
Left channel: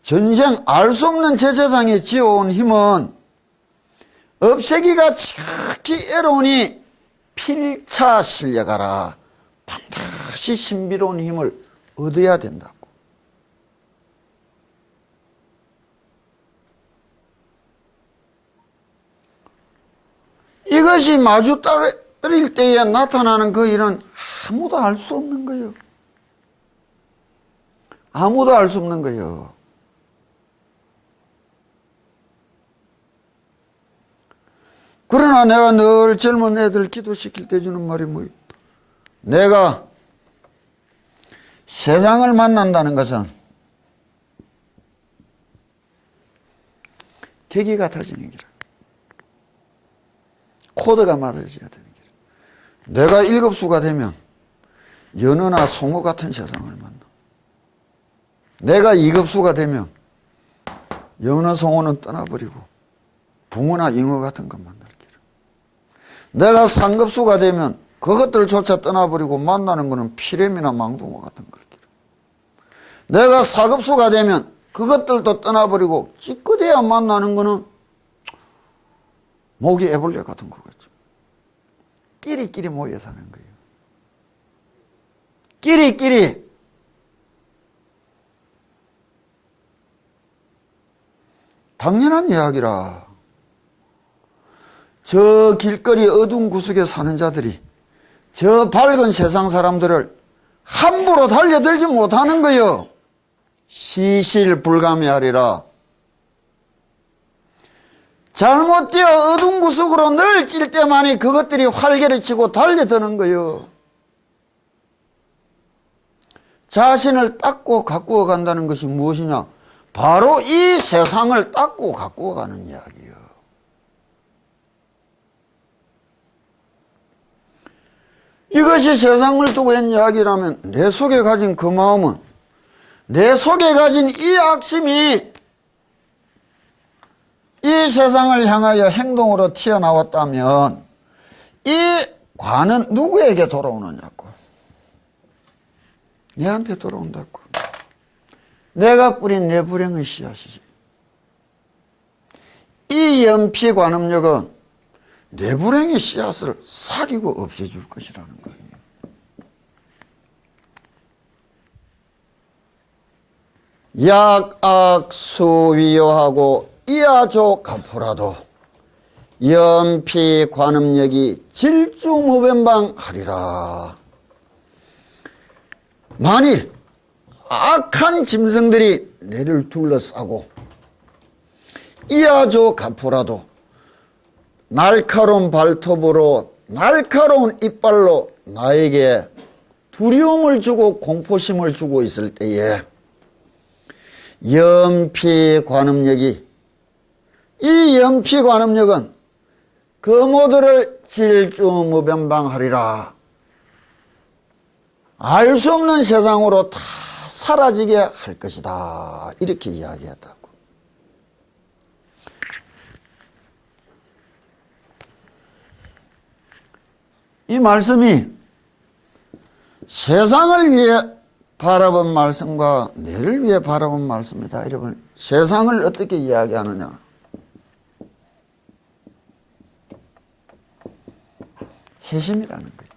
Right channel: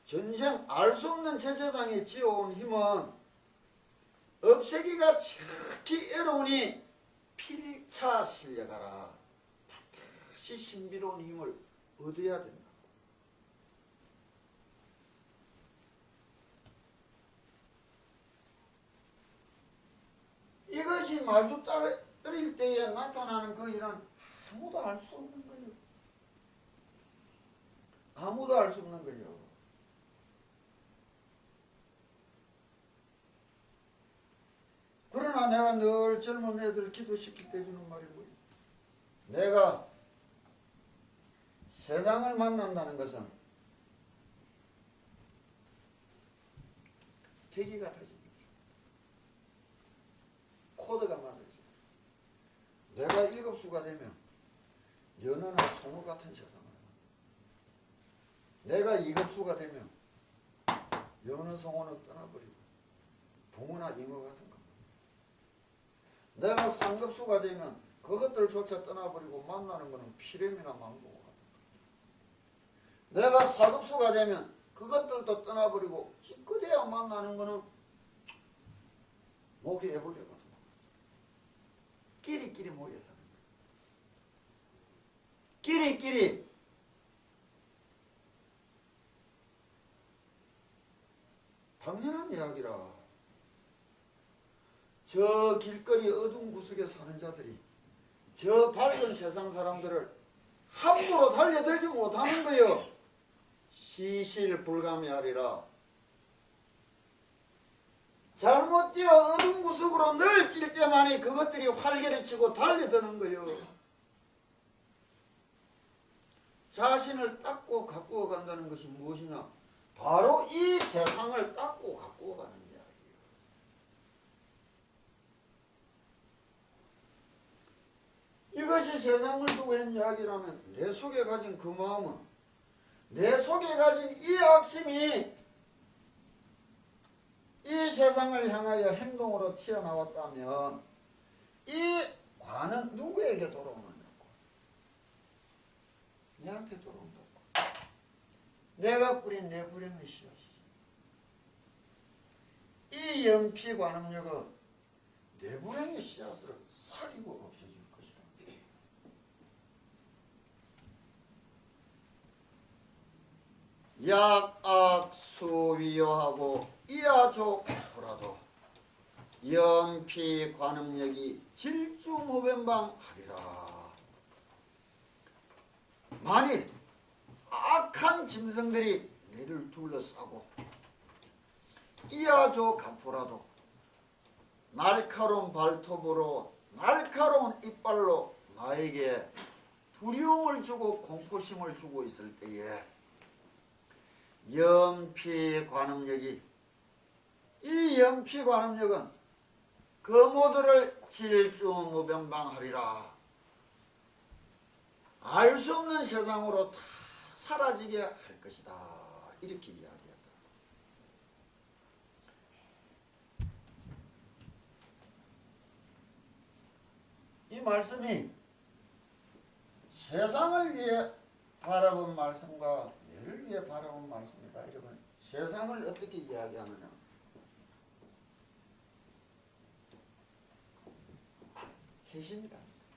전생 알 수 없는 제 세상에 지어온 힘은 없애기가 지극히 애로우니 필차 실려가라. 반드시 신비로운 힘을 얻어야 된다고. 이것이 마주 떨어질 때에 나타나는 그 일은 아무도 알 수 없는 거예요. 아무도 알 수 없는 거예요. 그러나 내가 늘 젊은 애들 기도시킬 때 주는 말이 뭐예요? 내가 세상을 만난다는 것은 계기 같아지는 기라. 코드가 맞아져야 되는 기라. 내가 일급수가 되면 연어나 송어 같은 세상을 만나. 내가 이급수가 되면 연어, 송어는 떠나버리고 붕어나 잉어 같은 것 만날 기라. 내가 상급수가 되면 그것들조차 떠나버리고 만나는 것은 피렘이나 망둥어 같은 걸 기라. 내가 사급수가 되면 그것들도 떠나버리고 찌끄대야 만나는 것은 모기 애벌레 같은 거겠죠. 끼리끼리 모여 사는 거예요. 끼리끼리. 당연한 이야기라. 저 길거리 어두운 구석에 사는 자들이 저 밝은 세상 사람들을 함부로 달려들지 못하는 거요. 시실불감이하리라. 잘못 뛰어 어두운 구석으로 늘 찔 때만이 그것들이 활개를 치고 달려드는 거요. 자신을 닦고 가꾸어 간다는 것이 무엇이냐? 바로 이 세상을 닦고 가꾸어 가는 이야기예요. 이것이 세상을 두고 한 이야기라면 내 속에 가진 그 마음은, 내 속에 가진 이 악심이 이 세상을 향하여 행동으로 튀어나왔다면 이 관은 누구에게 돌아오느냐고. 내한테 돌아온다고. 내가 뿌린 내 불행의 씨앗이지. 이 연피관음력은 내 불행의 씨앗을 사귀고 없애줄 것이라는 거예요. 약악수위요하고 이하조 가포라도 연피관음력이 질주무변방하리라. 만일 악한 짐승들이 내를 둘러싸고 이하조 가포라도 날카로운 발톱으로 날카로운 이빨로 나에게 두려움을 주고 공포심을 주고 있을 때에 연피관음력이, 이 연피관음력은 그 모두를 질주무변방하리라. 알 수 없는 세상으로 다 사라지게 할 것이다. 이렇게 이야기했다고. 이 말씀이 세상을 위해 바라본 말씀과 내를 위해 바라본 말씀이다. 여러분, 세상을 어떻게 이야기하느냐? 회심이라는 거예요.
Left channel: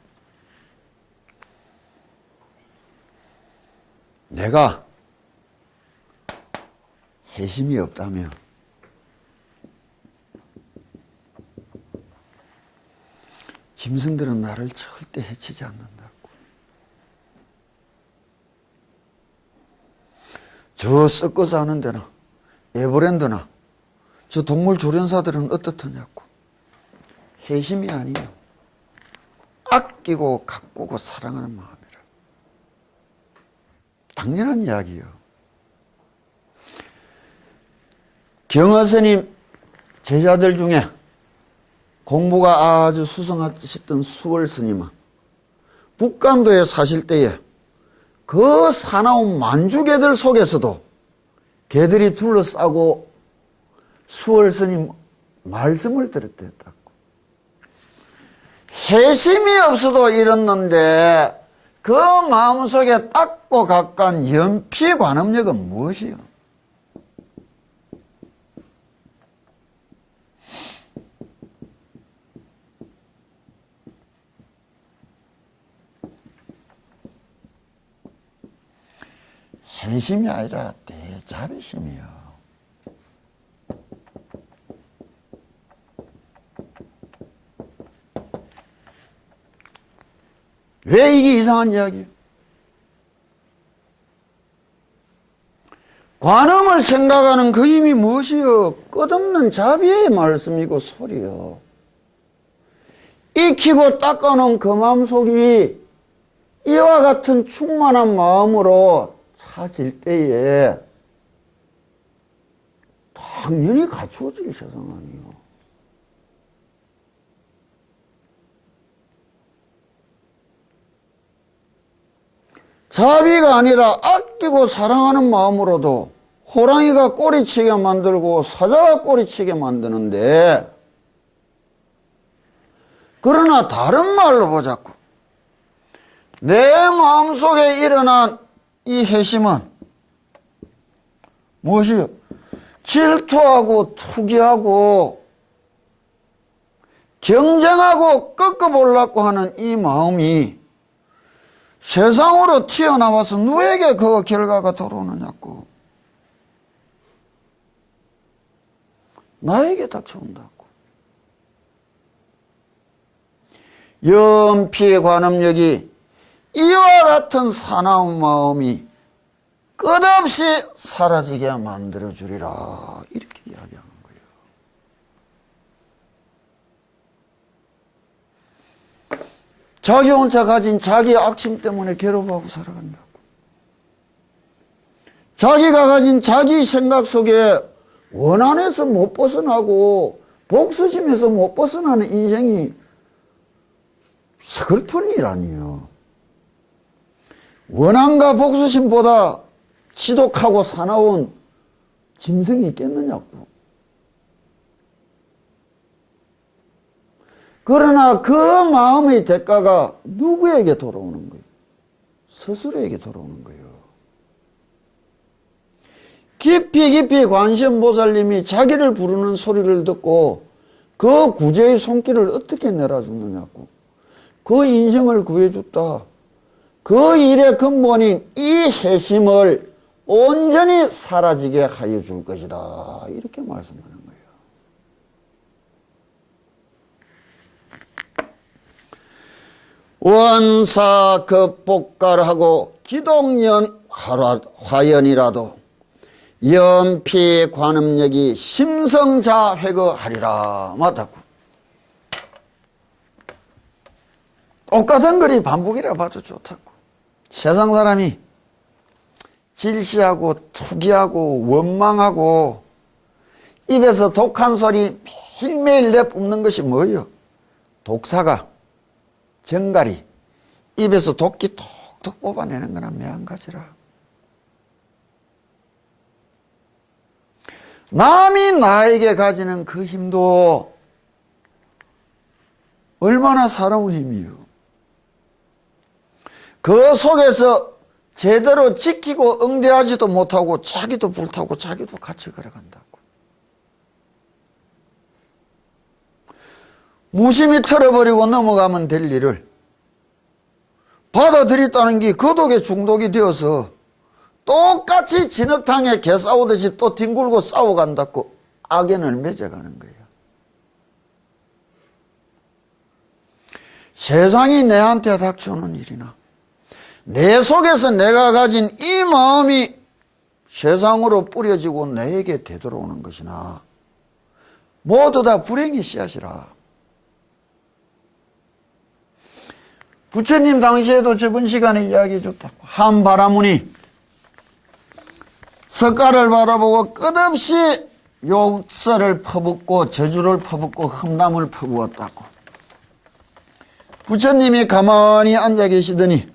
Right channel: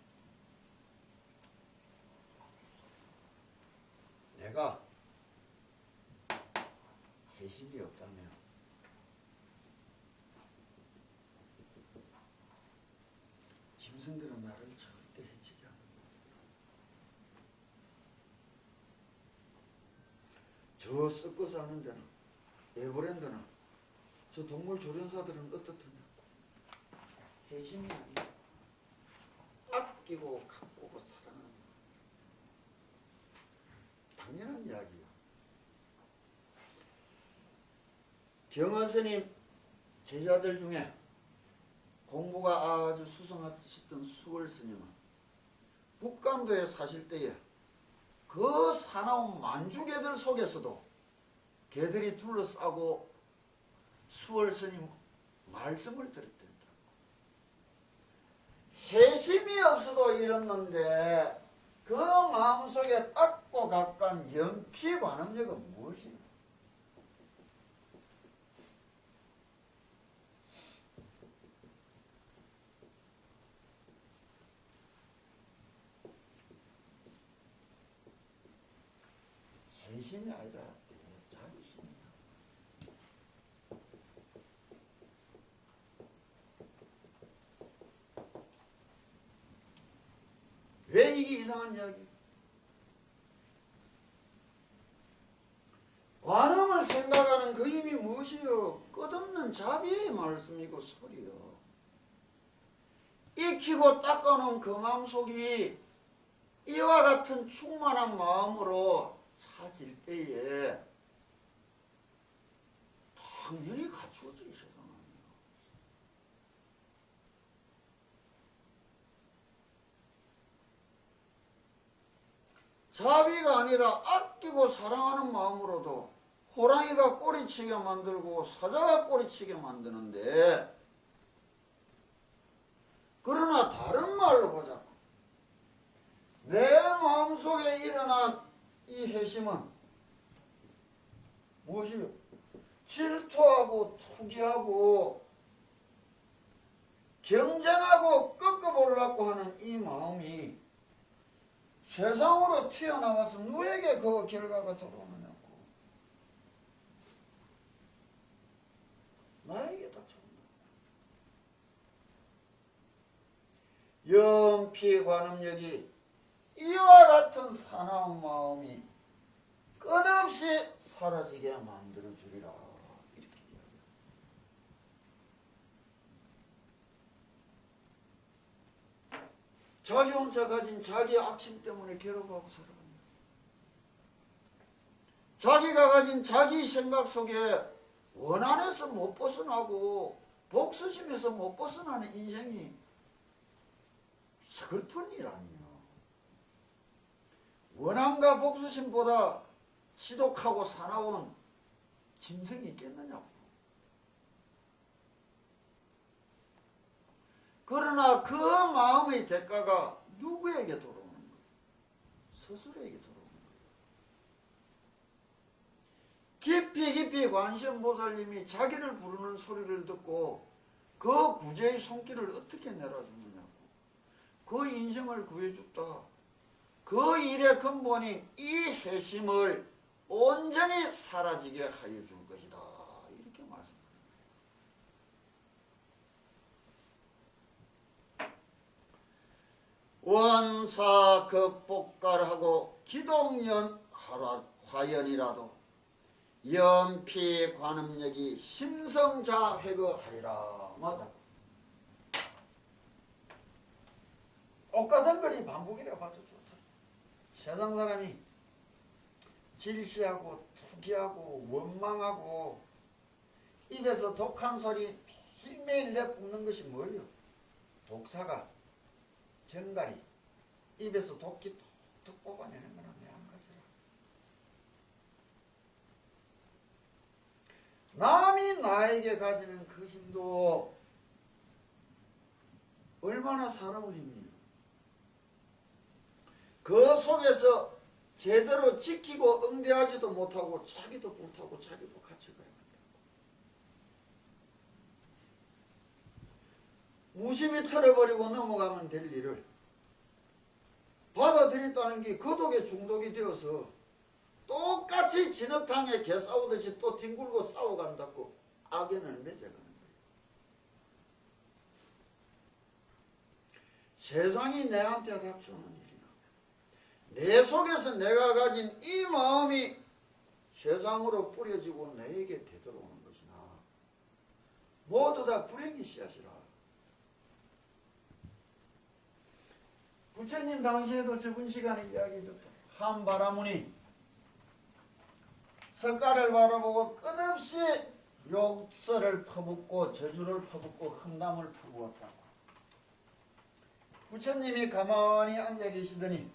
내가 해심이 없다면 짐승들은 나를 절대 해치지 않는다고. 저 썩고 사는 데나 에버랜드나 저 동물 조련사들은 어떻더냐고. 해심이 아니에요. 아끼고 가꾸고 사랑하는 마음이라. 당연한 이야기예요. 경허스님 제자들 중에 공부가 아주 수성하셨던 수월스님은 북간도에 사실 때에 그 사나운 만주개들 속에서도 개들이 둘러싸고 수월스님 말씀을 들었다고. 해심이 없어도 이렇는데 그 마음속에 닦고 가까운 연피관음력은 무엇이요? 해심이 아니라 대자비심이요. 왜 이게 이상한 이야기예요? 관음을 생각하는 그 힘이 무엇이요? 끝없는 자비의 말씀이고 소리요. 익히고 닦아놓은 그 마음속이 이와 같은 충만한 마음으로 차질 때에 당연히 갖추어질 세상 아니에요. 자비가 아니라 아끼고 사랑하는 마음으로도 호랑이가 꼬리치게 만들고 사자가 꼬리치게 만드는데, 그러나 다른 말로 보자고. 내 마음속에 일어난 이 해심은 무엇이요? 질투하고 투기하고 경쟁하고 꺾어보려고 하는 이 마음이 세상으로 튀어나와서 누구에게 그 결과가 돌아오느냐고. 나에게 닥쳐온다고. 연피의 관음력이 이와 같은 사나운 마음이 끝없이 사라지게 만들어주리라, 이렇게 이야기하는 거예요. 자기 혼자 가진 자기 악심 때문에 괴로워하고 살아간다고. 자기가 가진 자기 생각 속에 원한에서 못 벗어나고 복수심에서 못 벗어나는 인생이 슬픈 일 아니에요. 원한과 복수심보다 지독하고 사나운 짐승이 있겠느냐고. 그러나 그 마음의 대가가 누구에게 돌아오는 거예요? 스스로에게 돌아오는 거예요. 깊이 깊이 관세음보살님이 자기를 부르는 소리를 듣고 그 구제의 손길을 어떻게 내려주느냐고. 그 인생을 구해줬다. 그 일의 근본인 이 해심을 온전히 사라지게 하여 줄 것이다, 이렇게 말씀하는 거예요. 원사 극복가하고 기동연 화연이라도 연피 관음력이 심성자회거하리라. 맞다고. 똑같은 글이 반복이라 봐도 좋다고. 세상 사람이 질시하고 투기하고 원망하고 입에서 독한 소리 매일매일 내뿜는 것이 뭐예요? 독사가, 정갈이 입에서 독기 톡톡 뽑아내는 거나 매한가지라. 남이 나에게 가지는 그 힘도 얼마나 사나운 힘이요. 그 속에서 제대로 지키고 응대하지도 못하고 자기도 불타고 자기도 같이 걸어간다고. 무심히 털어버리고 넘어가면 될 일을 받아들였다는 게 그 독에 중독이 되어서 똑같이 진흙탕에 개 싸우듯이 또 뒹굴고 싸워간다고 악연을 맺어가는 거예요. 세상이 내한테 닥쳐오는 일이나 내 속에서 내가 가진 이 마음이 세상으로 뿌려지고 내게 되돌아오는 것이나 모두 다 불행의 씨앗이라. 부처님 당시에도 저번 시간에 이야기해 줬다고. 한 바라문이 석가를 바라보고 끝없이 욕설을 퍼붓고 저주를 퍼붓고 흠담을 퍼부었다고. 부처님이 가만히 앉아 계시더니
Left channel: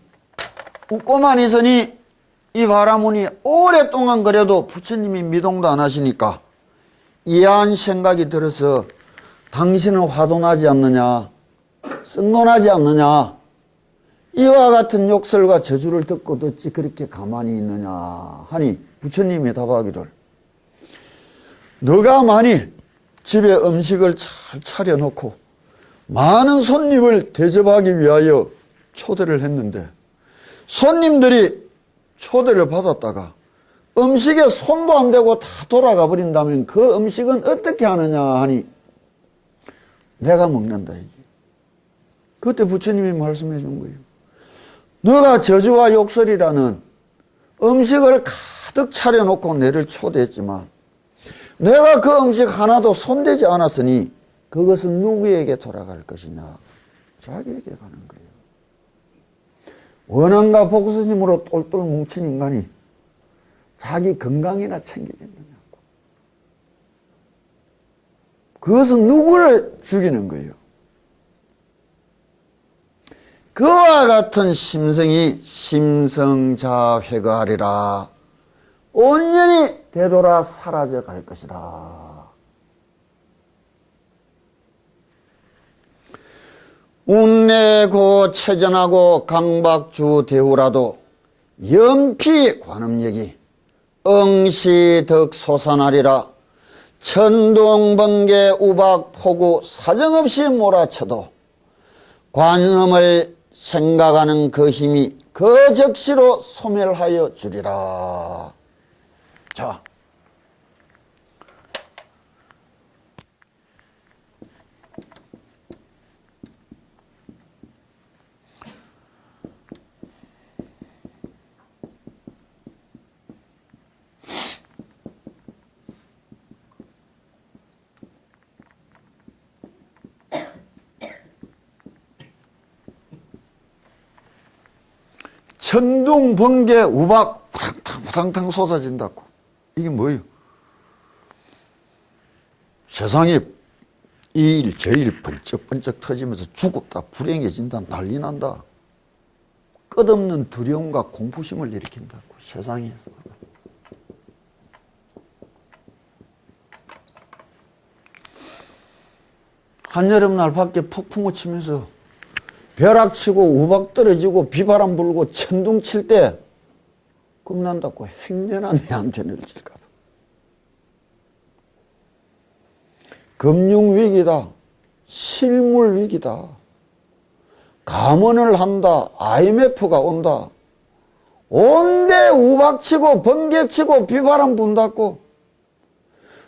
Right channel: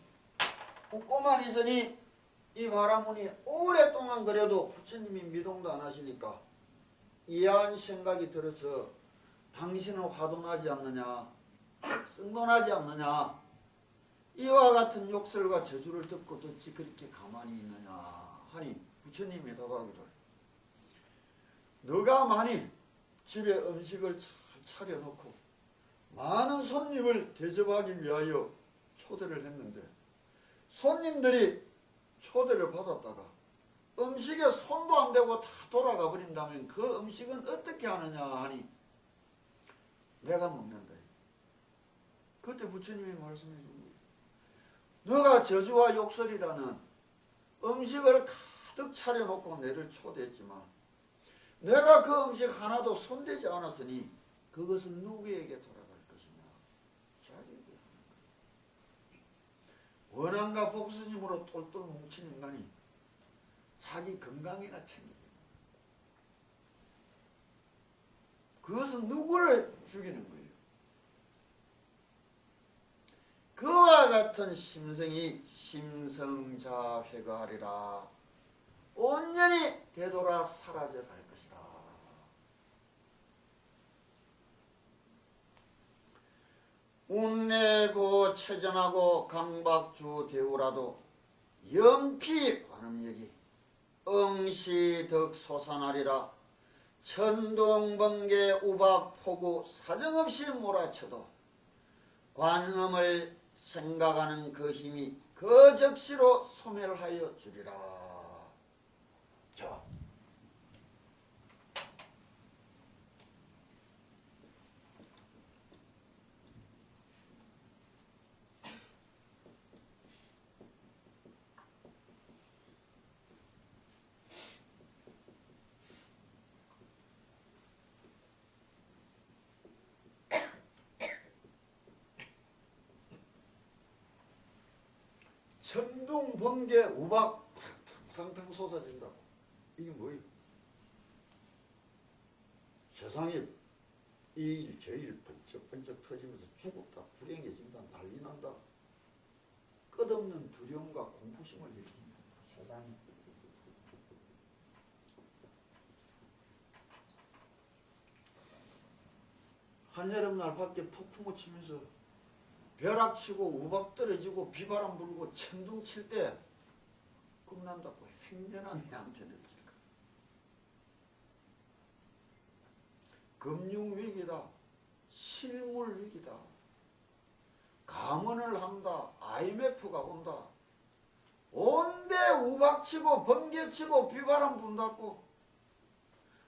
웃고만 있으니 이 바라문이 오랫동안 그래도 부처님이 미동도 안 하시니까 이해한 생각이 들어서 당신은 화도나지 않느냐, 썩노나지 않느냐, 이와 같은 욕설과 저주를 듣고도 어찌 그렇게 가만히 있느냐 하니 부처님이 답하기를, 너가 만일 집에 음식을 잘 차려놓고 많은 손님을 대접하기 위하여 초대를 했는데 손님들이 초대를 받았다가 음식에 손도 안 대고 다 돌아가 버린다면 그 음식은 어떻게 하느냐 하니 내가 먹는다. 이게. 그때 부처님이 말씀해 준 거예요. 너가 저주와 욕설이라는 음식을 가득 차려놓고 내를 초대했지만 내가 그 음식 하나도 손대지 않았으니 그것은 누구에게 돌아갈 것이냐? 자기에게 가는 거예요. 원한과 복수심으로 똘똘 뭉친 인간이 자기 건강이나 챙기겠느냐고. 그것은 누구를 죽이는 거예요. 그와 같은 심성이 심성자회거하리라. 온전히 되돌아 사라져 갈 것이다. 운내고 체전하고 강박주 대우라도 연피 관음력이 응시덕 솟아나리라. 천둥번개 우박 폭우 사정없이 몰아쳐도 관음을 생각하는 그 힘이 그 적시로 소멸하여 주리라. 자, 천둥, 번개, 우박 우당탕 솟아진다고. 이게 뭐예요? 세상에 이 일 저 일 번쩍번쩍 터지면서 죽었다, 불행해진다, 난리 난다. 끝없는 두려움과 공포심을 일으킨다고, 세상에서. 한여름날 밖에 폭풍우 치면서 벼락 치고 우박 떨어지고 비바람 불고 천둥 칠 때 겁난다고. 행여나 내한테 늘질까 봐. 금융위기다, 실물위기다, 감원을 한다, IMF가 온다, 온데 우박치고 번개치고 비바람 분다고.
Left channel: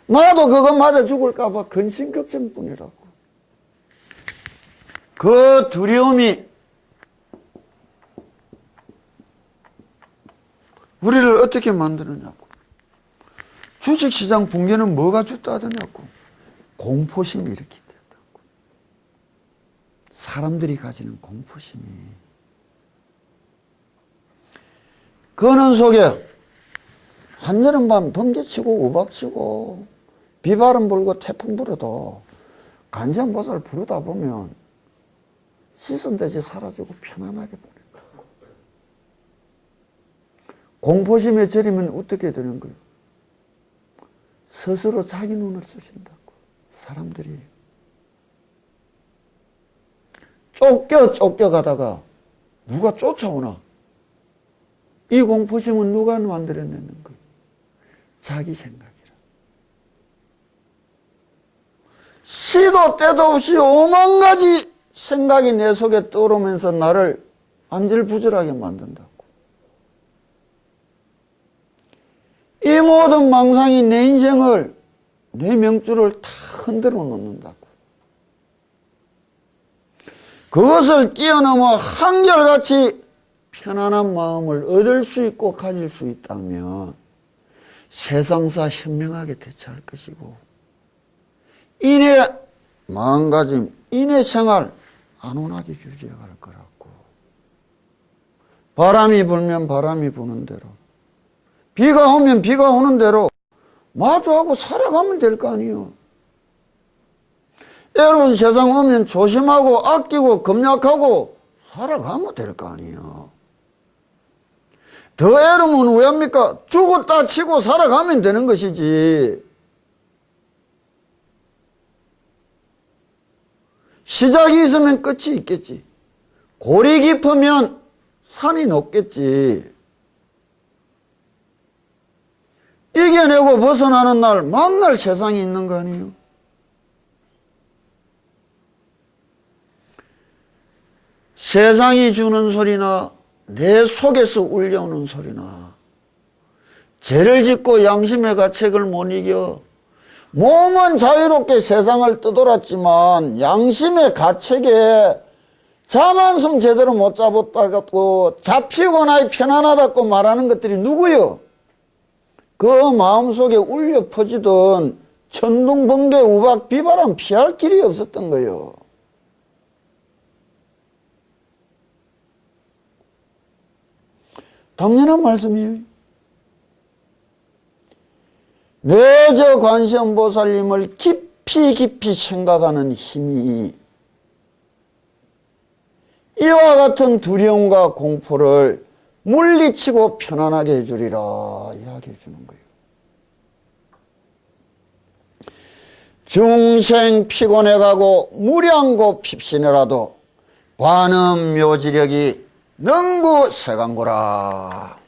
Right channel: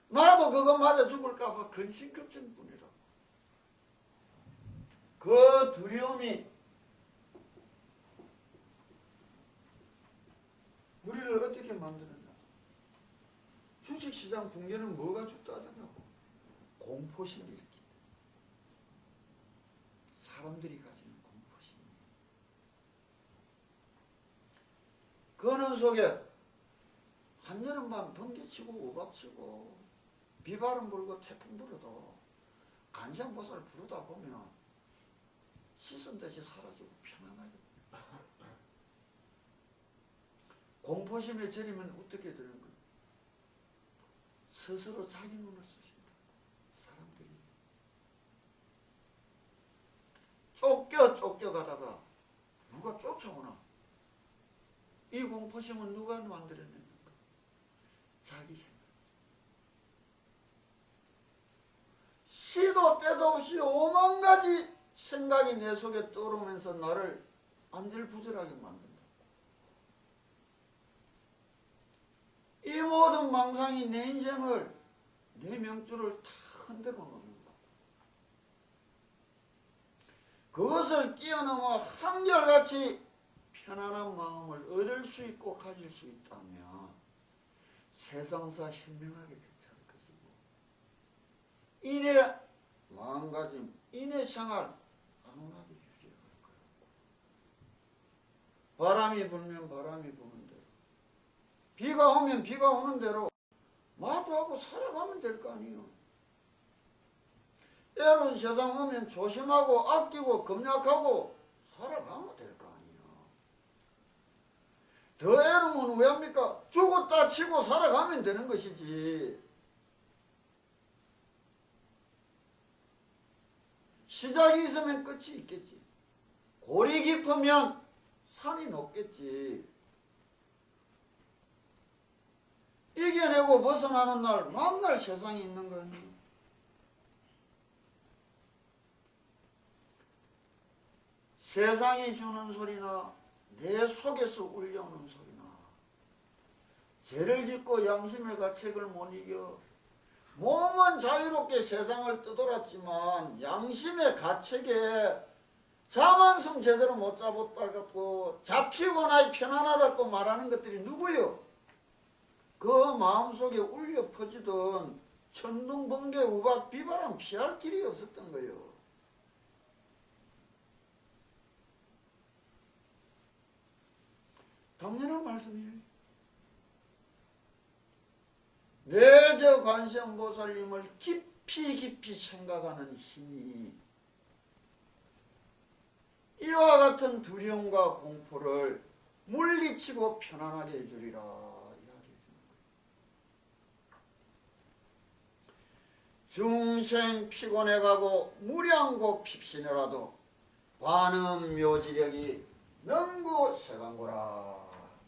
나도 그거 맞아 죽을까 봐 근심걱정뿐이라고. 그 두려움이 우리를 어떻게 만드느냐고. 주식시장 붕괴는 뭐가 주도하더냐고. 공포심이 이렇게 된다고. 사람들이 가지는 공포심이. 그는 속에 한여름밤 번개치고 우박치고 비바람 불고 태풍 불어도 간장보살 부르다 보면 시선대지 사라지고 편안하게 보낸다고. 공포심에 절이면 어떻게 되는 거예요? 스스로 자기 눈을 쓰신다고. 사람들이 쫓겨가다가 누가 쫓아오나? 이 공포심은 누가 만들어내는 거예요? 자기 생각이라. 시도 때도 없이 오만 가지 생각이 내 속에 떠오르면서 나를 안절부절하게 만든다고. 이 모든 망상이 내 인생을, 내 명줄을 다 흔들어 놓는다고. 그것을 뛰어넘어 한결같이 편안한 마음을 얻을 수 있고 가질 수 있다면 세상사 현명하게 대처할 것이고, 인의 마음가짐, 인의 생활 안온하게 유지해갈 거라고. 바람이 불면 바람이 부는 대로, 비가 오면 비가 오는 대로 마주하고 살아가면 될 거 아니에요. 애로운 세상 오면 조심하고 아끼고 검약하고 살아가면 될 거 아니에요. 더 애로면 왜 합니까? 죽었다 치고 살아가면 되는 것이지. 시작이 있으면 끝이 있겠지. 골이 깊으면 산이 높겠지. 이겨내고 벗어나는 날, 만날 세상이 있는 거 아니에요? 세상이 주는 소리나 내 속에서 울려오는 소리나, 죄를 짓고 양심의 가책을 못 이겨 몸은 자유롭게 세상을 떠돌았지만 양심의 가책에 잠 한숨 제대로 못 잡았다고 잡히거나 편안하다고 말하는 것들이 누구요? 그 마음속에 울려 퍼지던 천둥, 번개, 우박, 비바람 피할 길이 없었던 거예요. 당연한 말씀이에요. 내저 관세음보살님을 깊이 깊이 생각하는 힘이 이와 같은 두려움과 공포를 물리치고 편안하게 해주리라 이야기해 주는 거예요. 중생 피곤해가고 무량고 핍신해라도 관음 묘지력이 능구 세간고라.